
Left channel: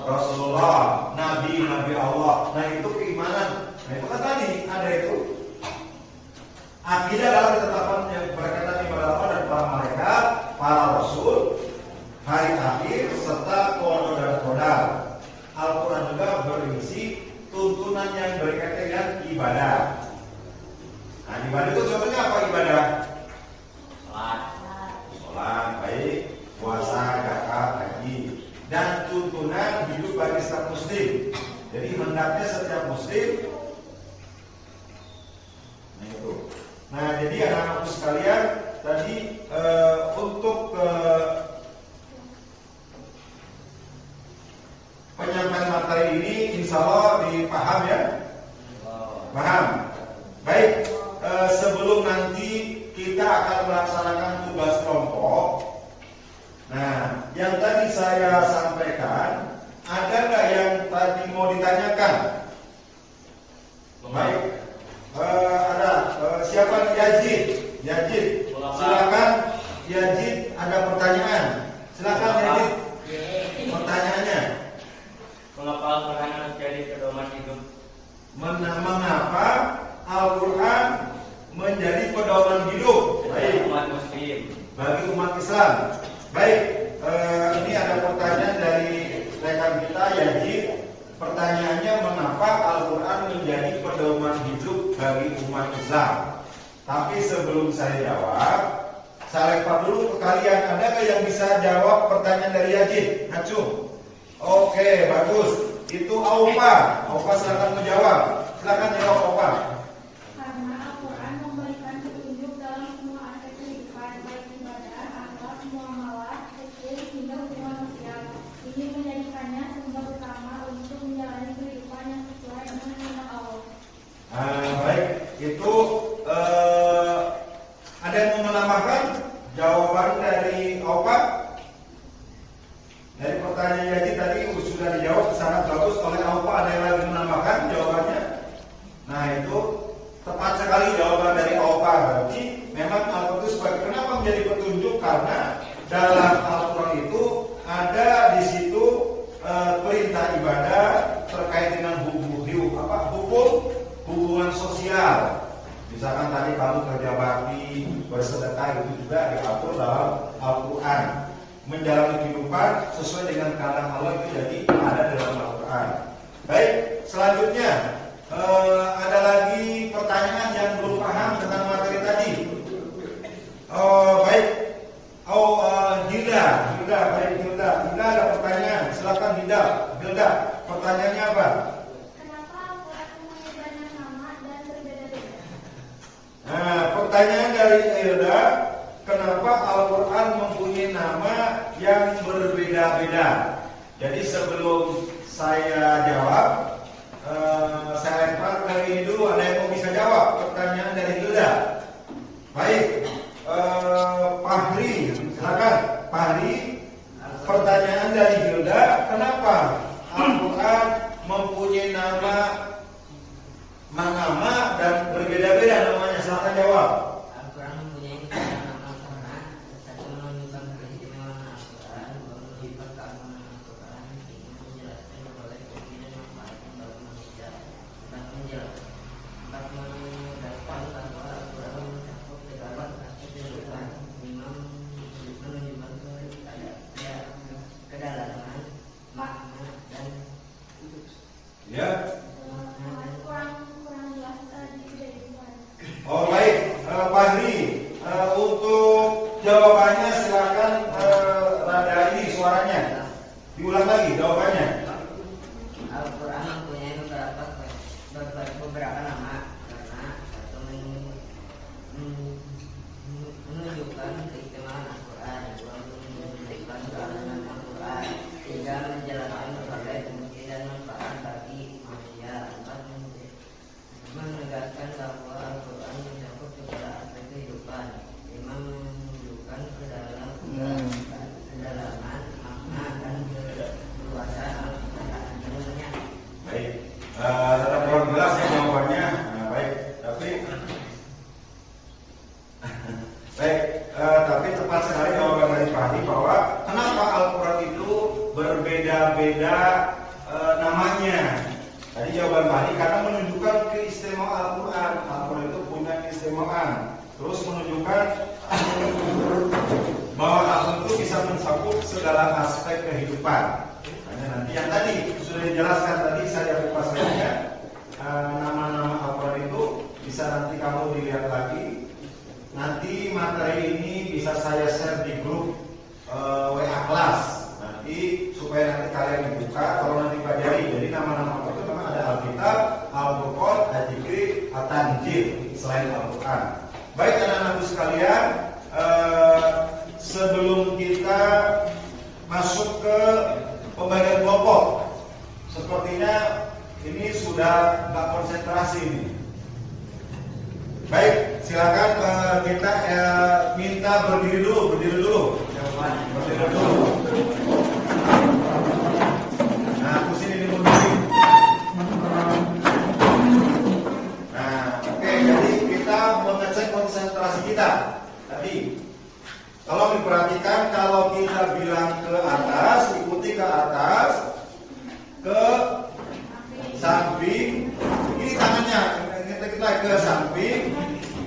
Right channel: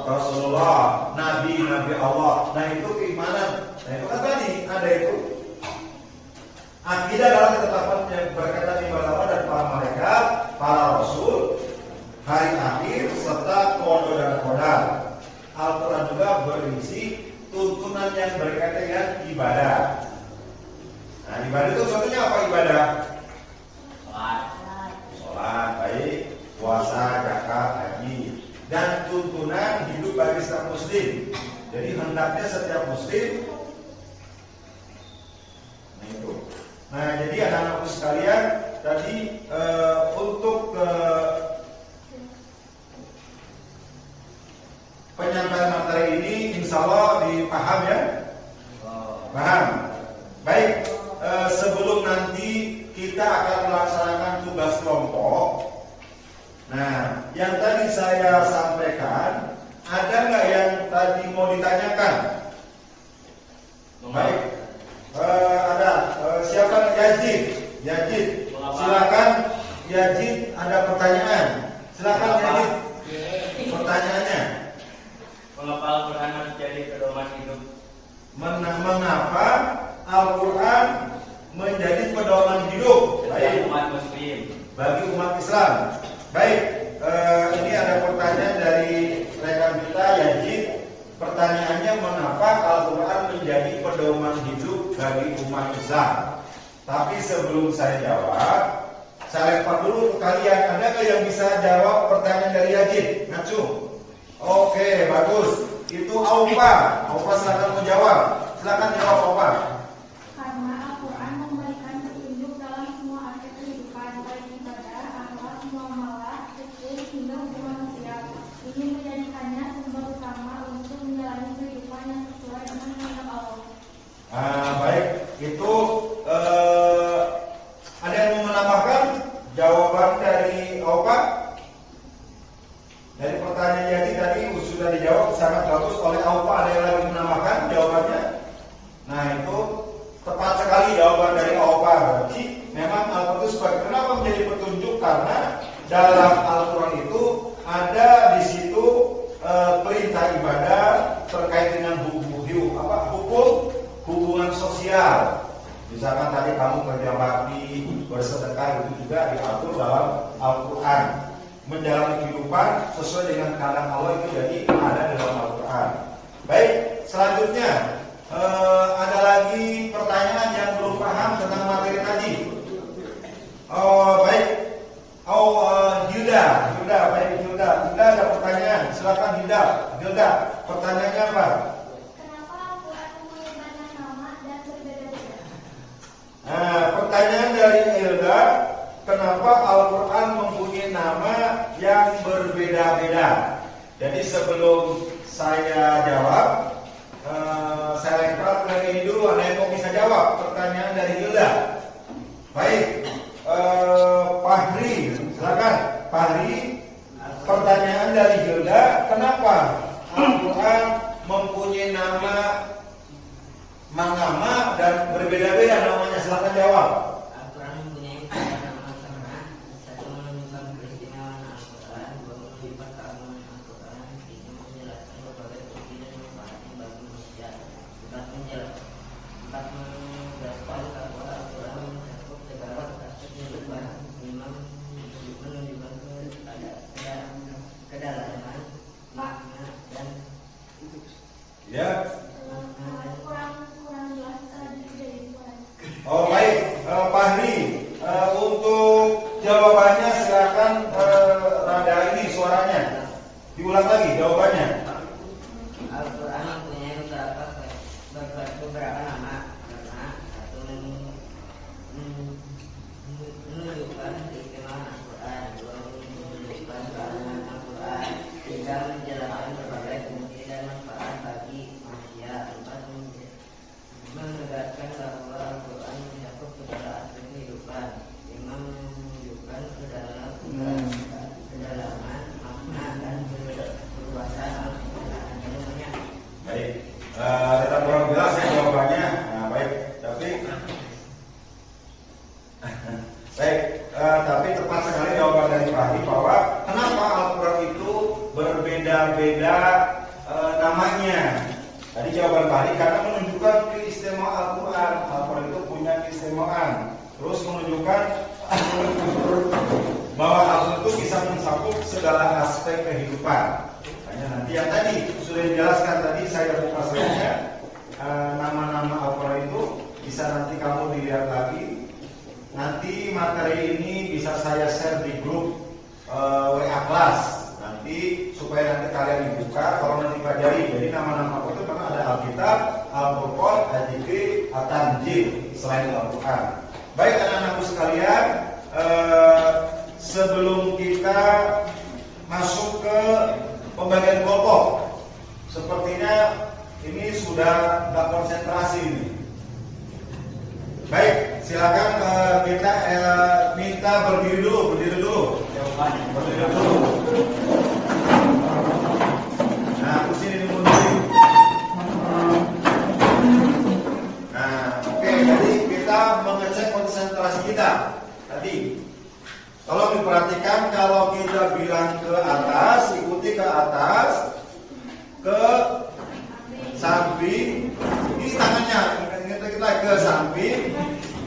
Rasulullah, Nabi Allah. Nah itu keimanan. Nah itu kan tadi ada itu. Akidah adalah ketetapan yang berkaitan kepada Allah dan para malaikat, para rasul, hari akhir serta qada dan qadar. Al-Quran juga berisi tuntunan yang berkaitan dengan ibadah. Nah, ibadah itu contohnya apa ibadah? Sholat, baik, puasa, zakat, haji, dan tuntunan hidup bagi setiap muslim. Jadi hendaknya setiap muslim. Nah, jadi anak-anakku sekalian, tadi untuk penyampaian materi ini insya Allah dipaham ya? Paham? Baik, sebelum nanti kita akan melaksanakan tugas kelompok. Nah, yang tadi saya sampaikan, ada nggak yang tadi mau ditanyakan? Baik, ada. Siapa Yazid? Yazid, silakan. Yazid, ada pertanyaan. Silakan Yazid. Pertanyaannya. Mengapa Al-Quran menjadi pedoman hidup? Mengapa Al-Quran menjadi pedoman hidup Bagi umat muslim, bagi umat Islam? Baik, ini ada pertanyaan dari rekan kita Yazid. Pertanyaannya, mengapa Al-Quran menjadi pedoman hidup bagi umat Islam? Tapi sebelum saya jawab, saya lempar dulu ke kalian. Adakah yang bisa jawab pertanyaan dari Yazid? Nacu? Oke, bagus. Itu Aufa. Aufa silakan menjawab. Silakan jawab Aufa. Karena Al-Quran memberikan petunjuk dalam semua aspek kehidupan, baik ibadah, akhlak, muamalah, hukum, hingga hubungan sosial. Ini menjadikannya sumber utama untuk menjalani kehidupan yang sesuai dengan kehendak Allah. Baik, itu ada yang mau menambahkan jawaban dari Aufa? Dari pertanyaan tadi sudah dijawab sangat bagus oleh Aufa. Ada yang lagi menambahkan jawabannya? Nah, itu tepat sekali jawaban dari Aufa. Berarti memang Al-Quran itu sebagai kenapa menjadi petunjuk, karena dalam Al-Quran itu ada di situ perintah ibadah terkait dengan hukum hubungan sosial. Misalkan tadi kamu kerja bakti, bersedekah, itu juga diatur dalam Al-Quran. Menjalani kehidupan sesuai dengan kehendak Allah itu jadi ada dalam Al-Quran. Baik, selanjutnya ada lagi pertanyaan yang belum paham tentang materi tadi. Baik, Gilda, baik Gilda ada pertanyaan. Silakan Gilda, pertanyaannya apa? Kenapa Al-Quran mempunyai banyak nama dan berbeda-beda? Nah, pertanyaan dari Gilda, kenapa Al-Quran mempunyai nama yang berbeda-beda? Jadi sebelum saya jawab, saya lempar ke ini dulu. Ada yang mau bisa jawab pertanyaan dari Gilda? Baik, Fahri, silakan. Fahri, pertanyaan dari Gilda, kenapa Al-Quran mempunyai nama dan berbeda-beda namanya? Silakan jawab. Al-Quran mempunyai nama sama, satu menunjukkan keistimewaan Al-Quran, dua menunjukkan keamanan Al-Quran, tiga menjelaskan berbagai fungsi dan manfaat bagi manusia, empat menegaskan bahwa Al-Quran mencakup segala aspek kehidupan, lima menunjukkan kedalaman makna dan Ya. Kurang jelas dari suara. Oh baik, Fahri, untuk jawabannya silakan rada ini suaranya. Diulang lagi jawabannya. Al-Quran mempunyai beberapa nama karena satu menunjukkan keistimewaan Al-Quran, dua menunjukkan keamanan Al-Quran, tiga menjelaskan berbagai fungsi dan manfaat bagi manusia, empat menegaskan bahwa Al-Quran mencakup segala aspek kehidupan, lima menunjukkan kedalaman makna dan keluasan Al-Quran. Baik, tetap kurang jelas ya jawabannya. Nah baik, tapi tepat sekali jawaban dari Fahri bahwa kenapa Al-Quran itu berbeda-beda namanya. Tadi jawaban Fahri karena menunjukkan keistimewaan Al-Quran. Al-Quran itu punya keistimewaan. Terus menunjukkan bahwa Al-Quran itu bisa mencakup segala aspek kehidupan. Nanti yang tadi sudah dijelaskan tadi saya lupa saja nama-nama Al-Quran bisa nanti kamu dilihat lagi. Nanti materi ini bisa saya share di grup WA kelas. Nanti supaya nanti kalian dibuka, kalau nanti pelajari. Jadi nama-nama itu memang ada Alkitab, Al-Qur'an, Al-Zikri, At-Tanjil selain Al-Quran. Baik anak-anakku sekalian, sebelum kita masuk ke pembagian kelompok, sepertinya ini sudah nggak konsentrasi ini. Baik, silakan kita minta berdiri dulu. Berdiri dulu. Nah, sini berdiri. Nah, oke, jadi kita mengecek konsentrasi kita tadi. Kalau diperhatikan, kalau kita bilang ke atas, ikuti ke atas, ke samping, ini tangannya, kita ke samping,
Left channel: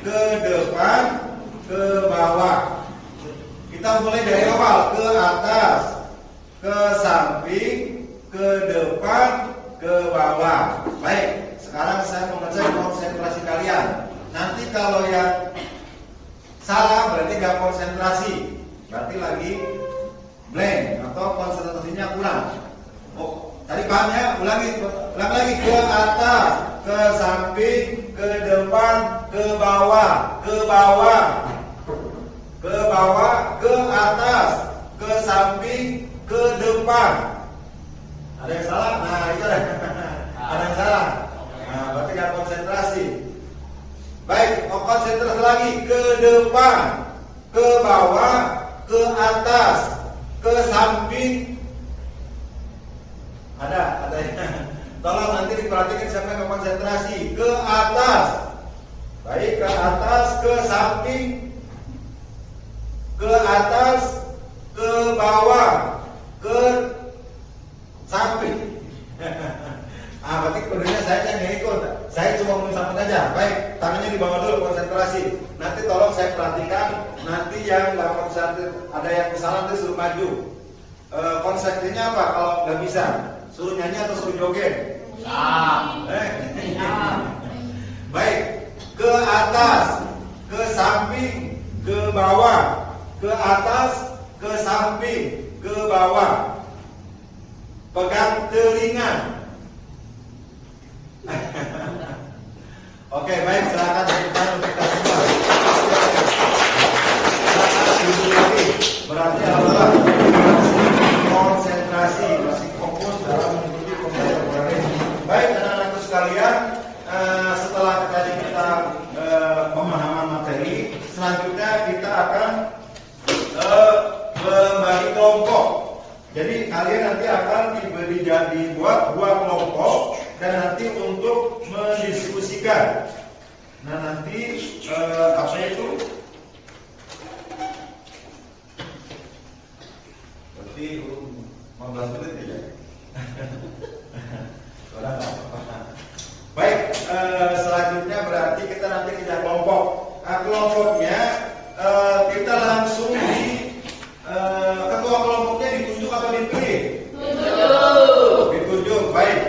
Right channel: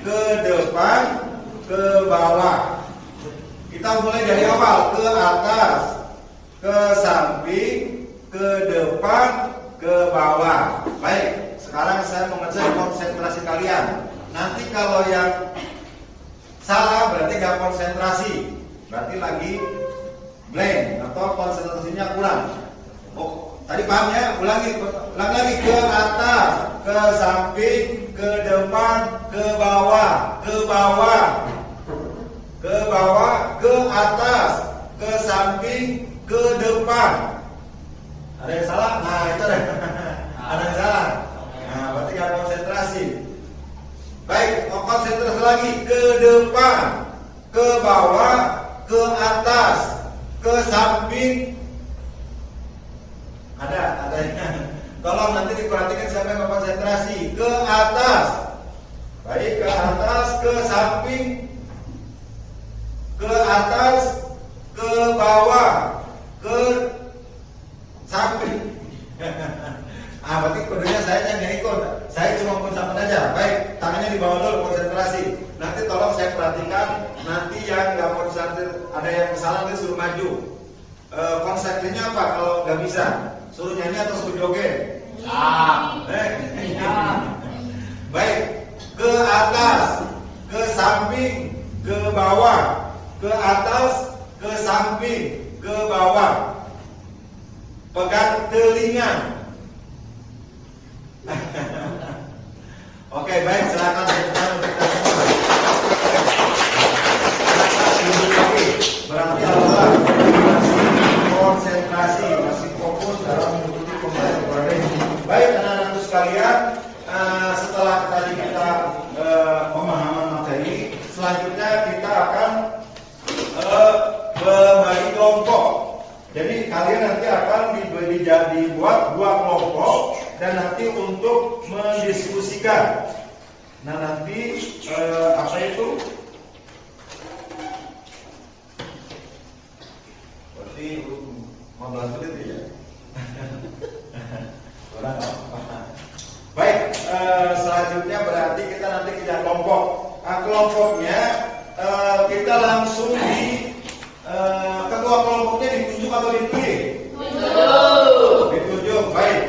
ke depan, ke bawah. Kita mulai dari awal, ke atas, ke samping, ke depan, ke bawah. Baik, sekarang saya mengecek konsentrasi kalian. Nanti kalau yang salah berarti gak konsentrasi, berarti lagi blank atau konsentrasinya kurang. Oh, tadi paham ya? Ulang lagi ke atas, ke samping, ke depan, ke bawah, ke bawah, ke bawah, ke atas, ke samping, ke depan. Ada yang salah? Nah itu deh. Ada yang salah. Nah berarti gak konsentrasi. Baik, konsentrasi lagi ke depan, ke bawah, ke atas, ke samping. Ada yang. Tolong nanti diperhatikan sampai ke konsentrasi. Ke atas. Baik, ke atas, ke samping, ke atas, ke bawah, ke samping. Berarti kodenya saya yang ikut. Saya cuma mencatat aja. Baik, tangannya di bawah dulu, konsentrasi. Nanti tolong saya perhatikan. Nanti yang nggak konsentrasi, ada yang kesalahan terus suruh maju. Konsepnya apa? Kalau nggak bisa, suruh nyanyi atau suruh joget? Baik, ke atas, ke samping, ke bawah, ke atas, ke samping, ke bawah. Pegang telinga. Oke, baik, silakan untuk kita semua. Berarti Allah masih konsentrasi, masih fokus dalam mengikuti pembelajaran. Baik, anak-anak sekalian, setelah tadi kita pemahaman materi, selanjutnya kita akan membagi kelompok. Jadi kalian nanti akan dibuat 2 kelompok dan nanti untuk mendiskusikan. Nah nanti apa itu? Berarti membantu itu ya. Baik, selanjutnya berarti kita nanti kerja kelompok. Nah, kelompoknya kita langsung di ketua kelompoknya ditunjuk atau dipilih? Ditunjuk. Baik.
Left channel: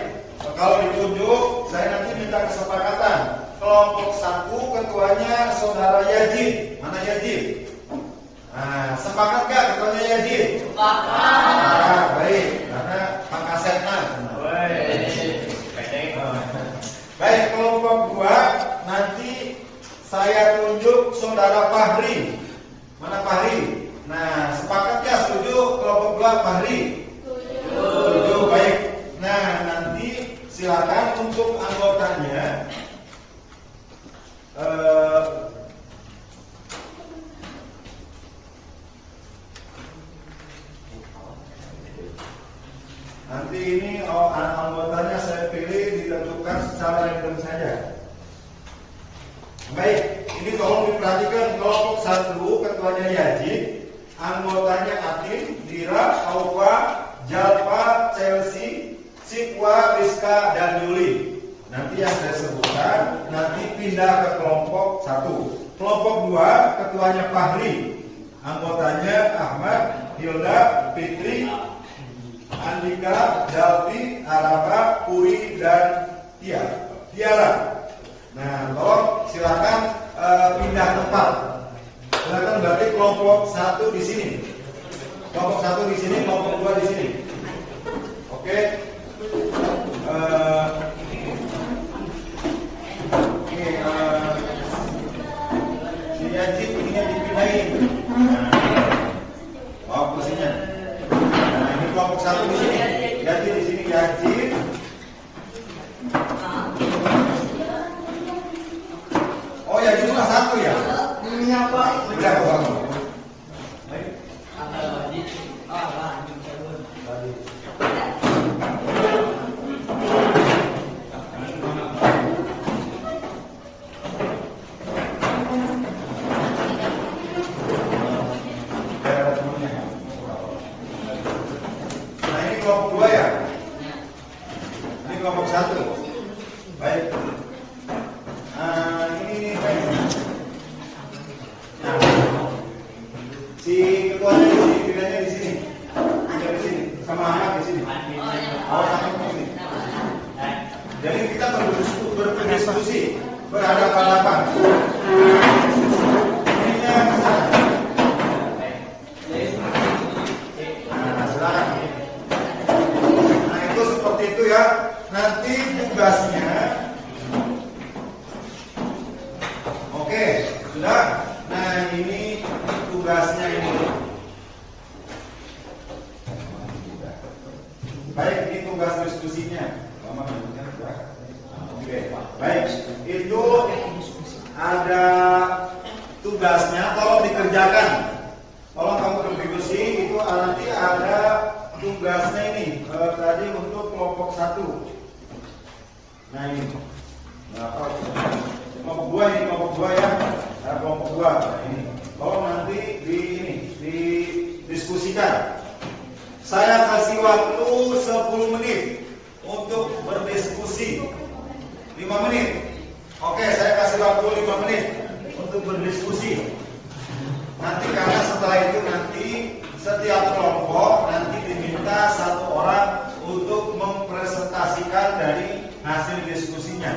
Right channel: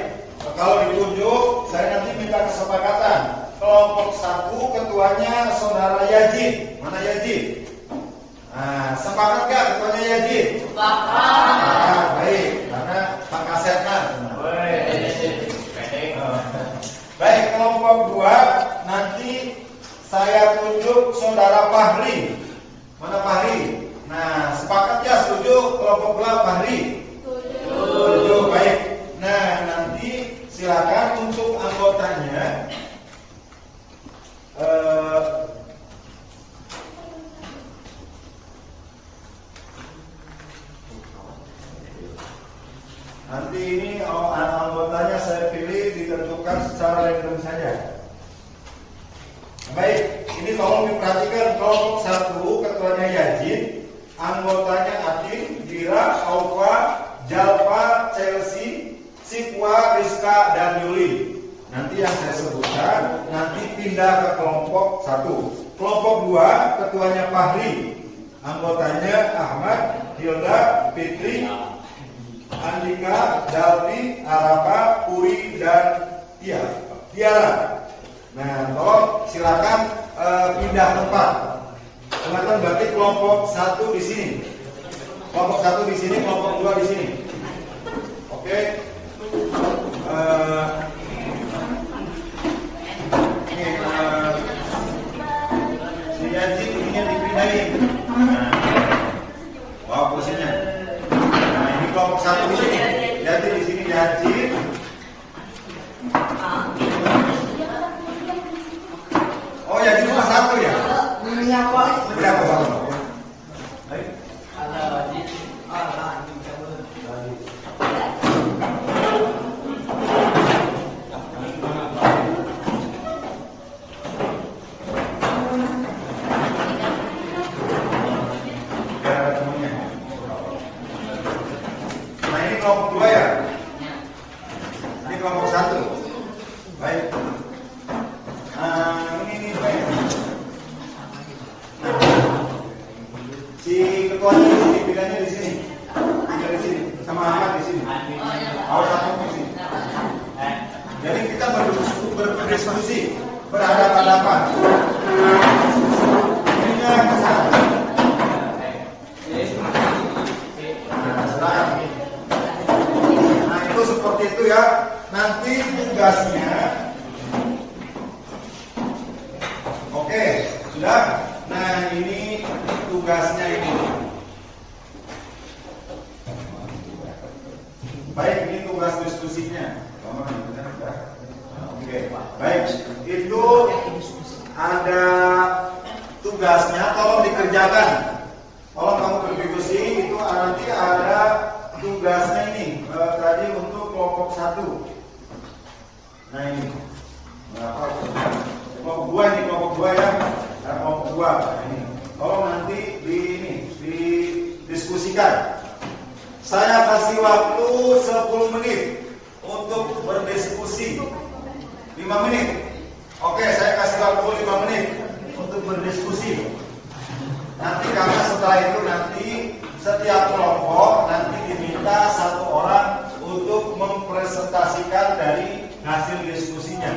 Kalau ditunjuk, saya nanti minta kesepakatan. Kelompok 1 ketuanya saudara Yazid. Mana Yazid? Nah, sepakat gak ketuanya Yazid? Sepakat. Baik, karena Kang Asep kan. Baik, kelompok 2 nanti saya tunjuk saudara Fahri. Mana Fahri? Nah, sepakat gak setuju kelompok belah Fahri? Setuju. Baik. Nah, nanti silakan untuk anggotanya nanti ini anggotanya saya pilih ditentukan secara random saja. Baik, ini tolong diperhatikan kelompok 1 ketuanya Yazid, anggotanya Atin, Dira, Aufa, Jalpa, Chelsea, Sipwa, Rizka, dan Yuli. Nanti yang saya sebutkan nanti pindah ke kelompok 1. Kelompok 2 ketuanya Fahri, anggotanya Ahmad, Hilda, Fitri, Andika, Dalvi, Arafa, Puri, dan Tiara. Nah, tolong silakan pindah tempat. Silakan berarti kelompok 1 di sini. Kelompok 1 di sini, kelompok 2 di sini. Oke. Si Yajid ininya dipindahin. Nah, bawa kursinya. Nah, ini kelompok 1 di sini. Yajid di sini, Yajid. Oh ya, ini cuma 1 ya? Iya Pak. Berapa Bang? Ada lagi. Nah ini kelompok 2 ya? Ini kelompok 1. Baik. Ini baik. Si ketuanya di sini, pilihannya di sini. Ini di sini, sama Ahmad di sini. Awas Ahmad di sini. Jadi kita berdiskusi, berhadapan-hadapan. Ininya bisa. Nah itu seperti itu ya. Nanti tugasnya. Oke, sudah. Nah ini tugasnya ini. Baik, ini tugas diskusinya. Oke, baik. Itu ada tugasnya. Tolong dikerjakan. Tolong kamu berdiskusi. Itu nanti ada tugasnya ini. Tadi untuk kelompok 1. Nah ini. Kelompok 2 ini, kelompok 2 ya. Nah, kelompok 2 ini. Tolong nanti didiskusikan. Saya kasih waktu 10 menit untuk berdiskusi. 5 menit. Oke, saya kasih waktu 5 menit untuk berdiskusi. Nanti karena setelah itu nanti setiap kelompok nanti diminta 1 orang untuk mempresentasikan dari hasil diskusinya.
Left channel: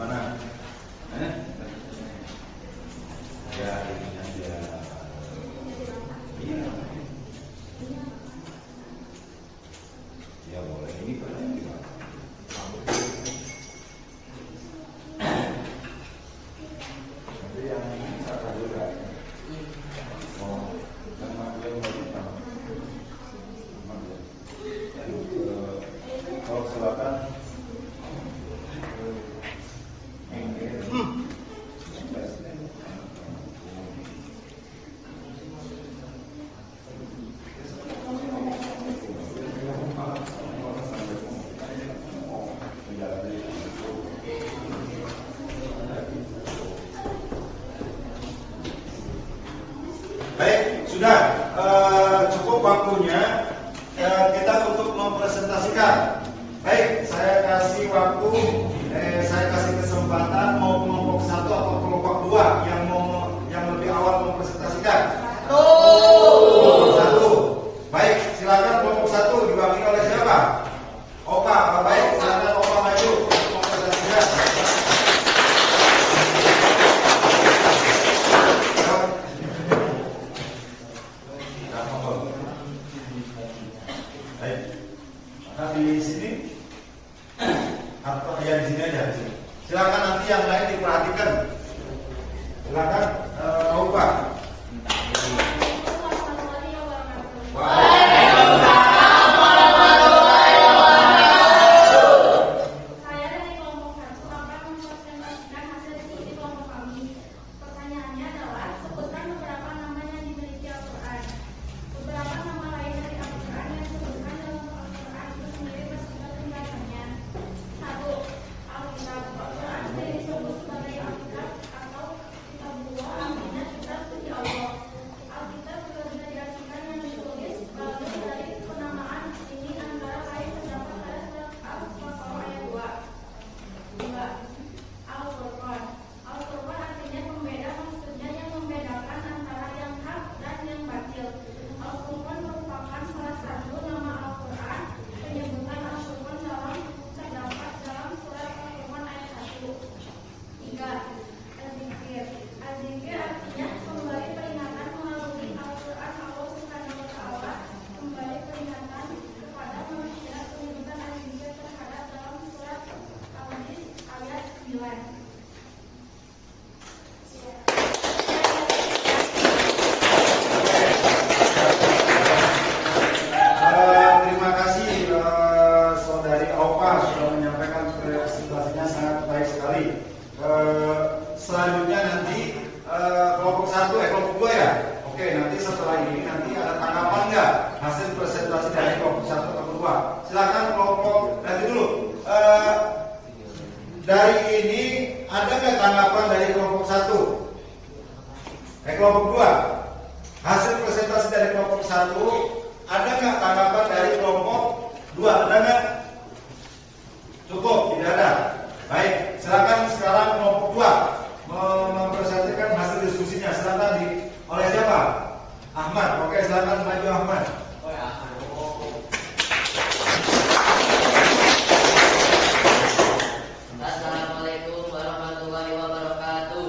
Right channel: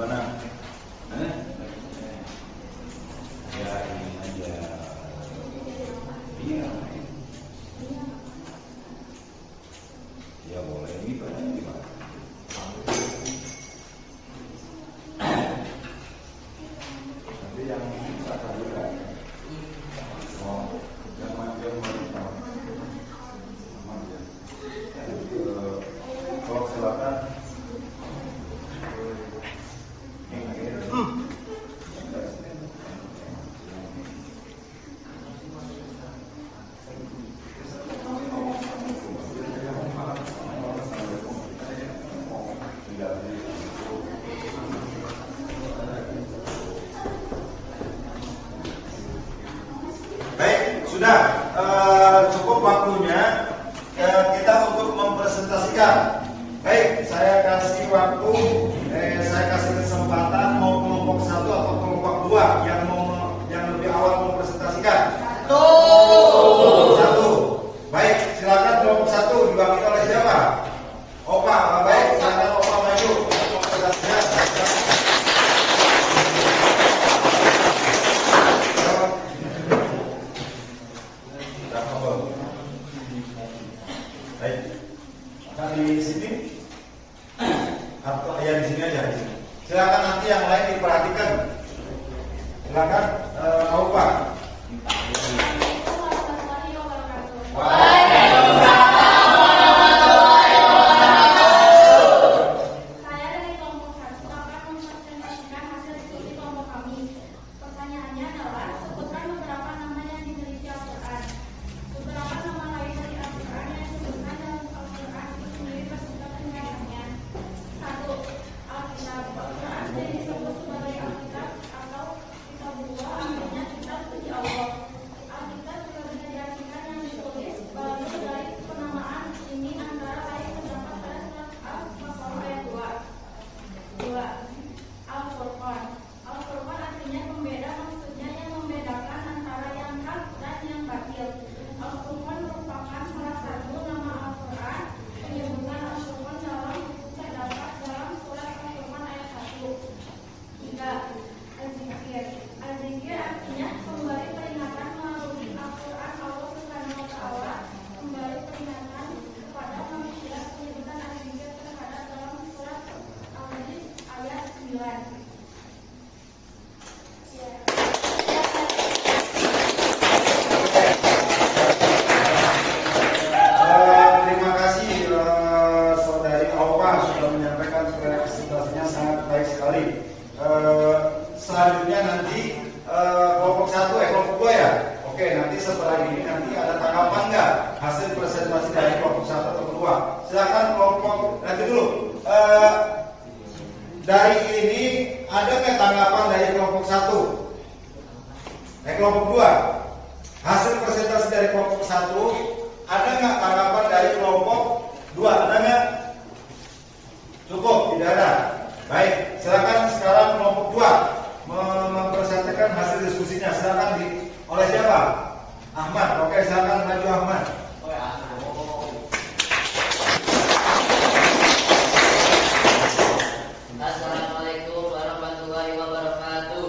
Gimana? Ya ini aja. Iya. Ya boleh ini gimana? Nanti yang satu juga. Oh, yang dia mau kalau silakan. Baik, sudah cukup waktunya kita untuk mempresentasikan. Baik, saya kasih waktu, saya kasih kesempatan mau kelompok 1 atau kelompok 2 yang lebih awal mempresentasikan. Kelompok 1. Baik, silakan kelompok 1 diwakili oleh siapa? Opa, baik, silakan Opa maju. Baik, maka di sini atau ya di sini aja. Silakan nanti yang lain diperhatikan. Silakan Opa. Saya dari kelompok 1 akan mempresentasikan hasil setelah ini nanti ada tanggapan nggak hasil presentasi dari kelompok 1 atau 2? Silakan kelompok nanti dulu. Dari ini ada nggak tanggapan dari kelompok 1? Kelompok 2. Hasil presentasi dari kelompok 1 ada nggak tanggapan dari kelompok 2? Ada nggak? Cukup, tidak ada. Baik, silakan sekarang kelompok 2 mempresentasikan hasil diskusinya. Silakan oleh siapa? Ahmad. Oke, silakan maju Ahmad. Assalamualaikum warahmatullahi wabarakatuh.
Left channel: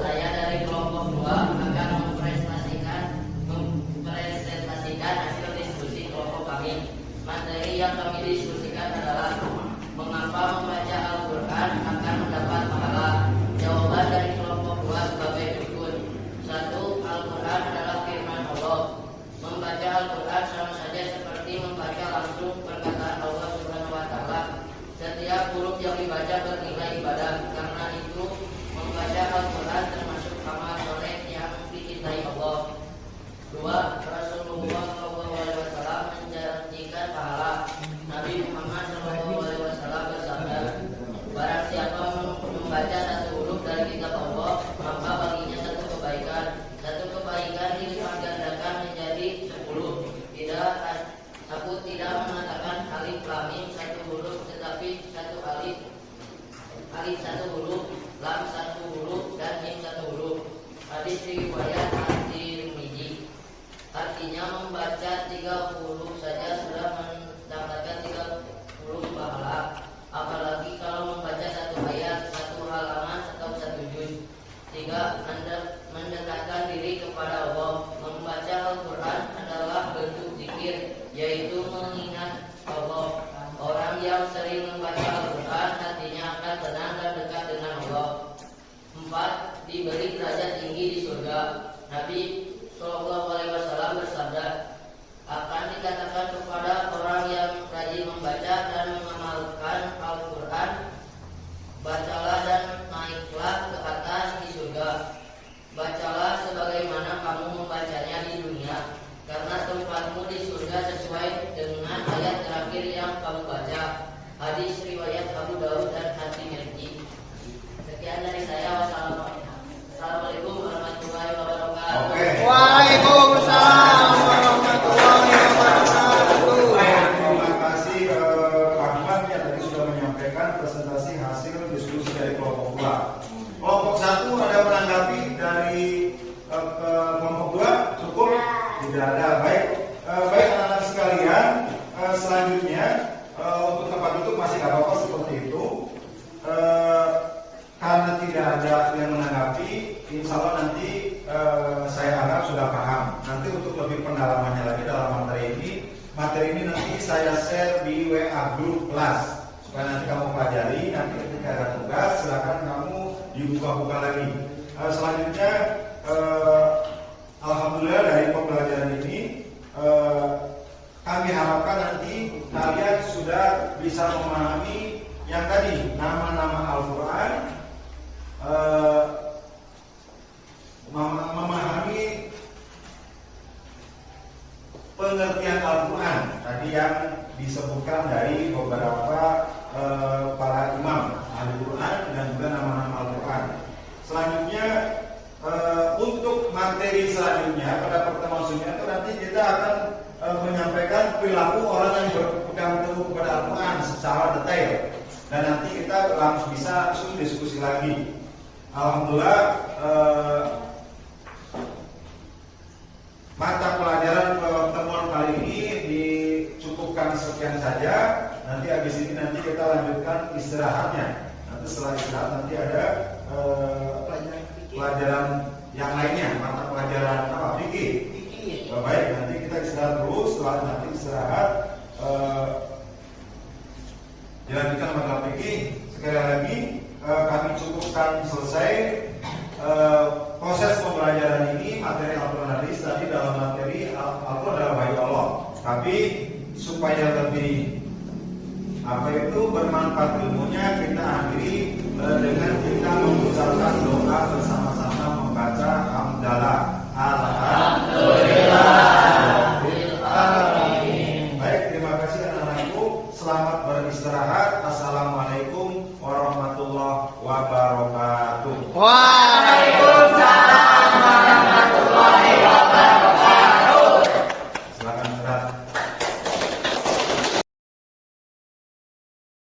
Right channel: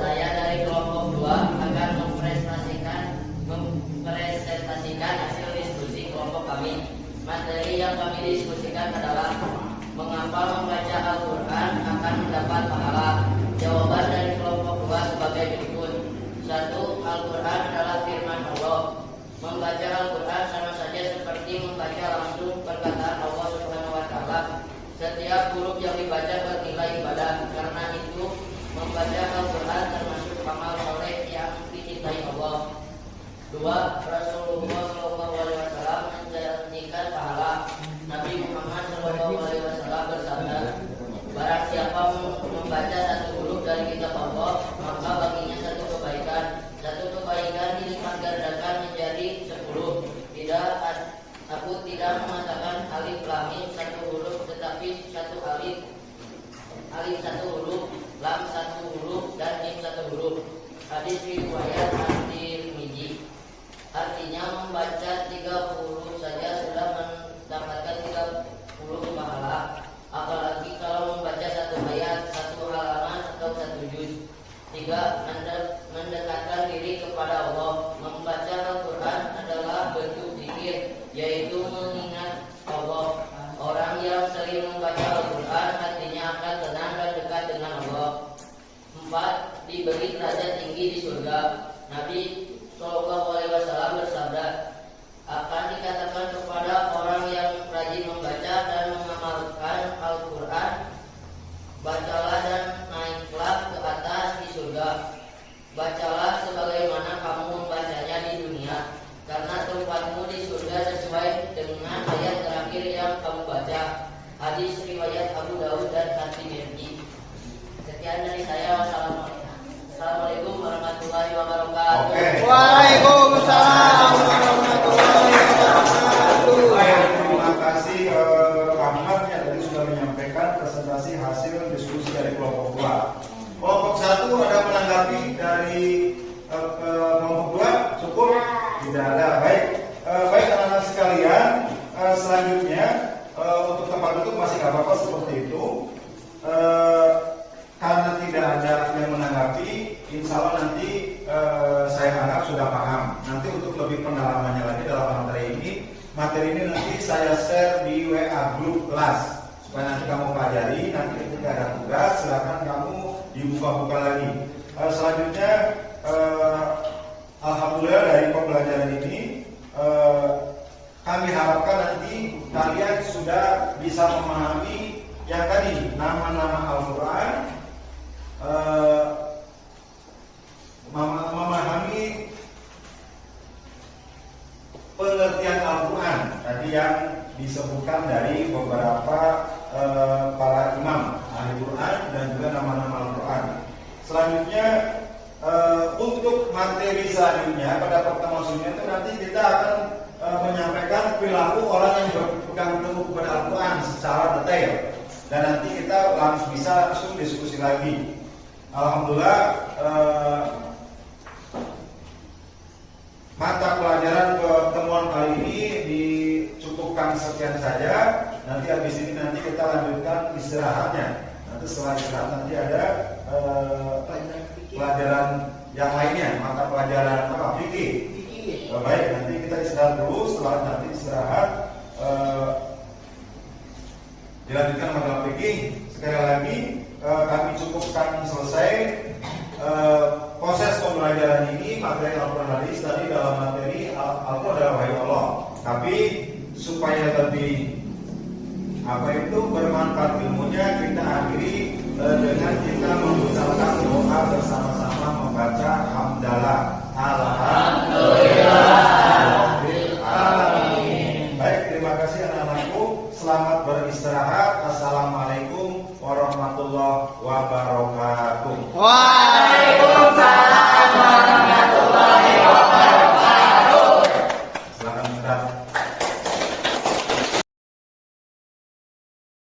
Saya dari kelompok 2 akan mempresentasikan hasil diskusi kelompok kami. Materi yang kami diskusikan adalah mengapa membaca Al-Quran akan mendapat pahala. Jawaban dari kelompok 2 sebagai berikut. 1. Al-Quran adalah firman Allah. Membaca Al-Quran sama saja seperti membaca langsung perkataan Allah Subhanahu wa Ta'ala. Setiap huruf yang dibaca bernilai ibadah. Karena itu membaca Al-Quran termasuk amal soleh yang dicintai Allah. 2. Rasulullah SAW menjanjikan pahala. Nabi Muhammad SAW bersabda, barang siapa membaca satu huruf dari kitab Allah, maka baginya satu kebaikan. Satu kebaikan dilipat gandakan menjadi 10. Aku tidak mengatakan alif lam mim satu huruf, tetapi satu alif satu huruf, lam satu huruf, dan mim satu huruf. Hadis riwayat At-Tirmidzi. Artinya membaca 30 saja sudah mendapatkan 30 pahala. Apalagi kalau membaca satu ayat, satu halaman, atau satu juz. 3. Mendekatkan diri kepada Allah. Membaca Al-Quran adalah bentuk zikir, yaitu mengingat Allah. Orang yang sering membaca Al-Quran hatinya akan tenang dan dekat dengan Allah. 4. Diberi derajat tinggi di surga. Nabi SAW bersabda, akan dikatakan kepada orang yang rajin membaca dan mengamalkan Al-Quran, bacalah dan naiklah ke atas di surga. Bacalah sebagaimana kamu membacanya di dunia, karena tempatmu di surga sesuai dengan ayat terakhir yang kamu baca. Hadis riwayat Abu Dawud dan At-Tirmidzi. Sekian dari saya. Assalamualaikum warahmatullahi wabarakatuh. Waalaikumsalam warahmatullahi wabarakatuh. Terima kasih Ahmad yang tadi sudah menyampaikan presentasi hasil diskusi dari kelompok 2. Kelompok 1 ada menanggapi dari kelompok 2? Cukup? Tidak ada. Baik, anak-anak sekalian, selanjutnya untuk tempat duduk masih nggak apa-apa seperti itu. Karena tidak ada yang menanggapi, insya Allah nanti saya harap sudah paham. Nanti untuk lebih pendalamannya lagi dalam materi ini nanti saya share di WA grup kelas supaya nanti kamu pelajari. Nanti ketika ada tugas silakan kamu dibuka-buka lagi. Selanjutnya, alhamdulillah dari pembelajaran ini kami harapkan nanti kalian sudah bisa memahami yang tadi nama-nama Al-Quran. Memahami pengertian Al-Quran tadi yang disebutkan dari beberapa para imam ahli Quran dan juga nama-nama Al-Quran. Selanjutnya untuk materi selanjutnya pada pertemuan selanjutnya itu nanti kita akan menyampaikan perilaku orang yang berpegang teguh kepada Al-Quran secara detail dan nanti kita langsung bisa diskusi lagi. Alhamdulillah mata pelajaran pertemuan kali ini dicukupkan sekian saja. Nanti habis ini nanti kita lanjutkan istirahatnya. Nanti setelah istirahat nanti ada pelajaran yang lainnya, mata pelajaran apa? Fikih. Baik, nanti kita istirahat dulu. Setelah nanti istirahat dilanjutkan mata fikih. Sekali lagi kami cukupkan selesai proses pembelajaran ini. Materi Al-Quran hadis tadi dalam materi Al-Quran adalah wahyu Allah. Tapi supaya lebih Apa itu bermanfaat ilmunya kita akhiri dengan kita mengucapkan doa bersama-sama membaca hamdalah. Baik, terima kasih anak-anakku. Selamat beristirahat. Assalamualaikum warahmatullahi wabarakatuh. Waalaikumsalam.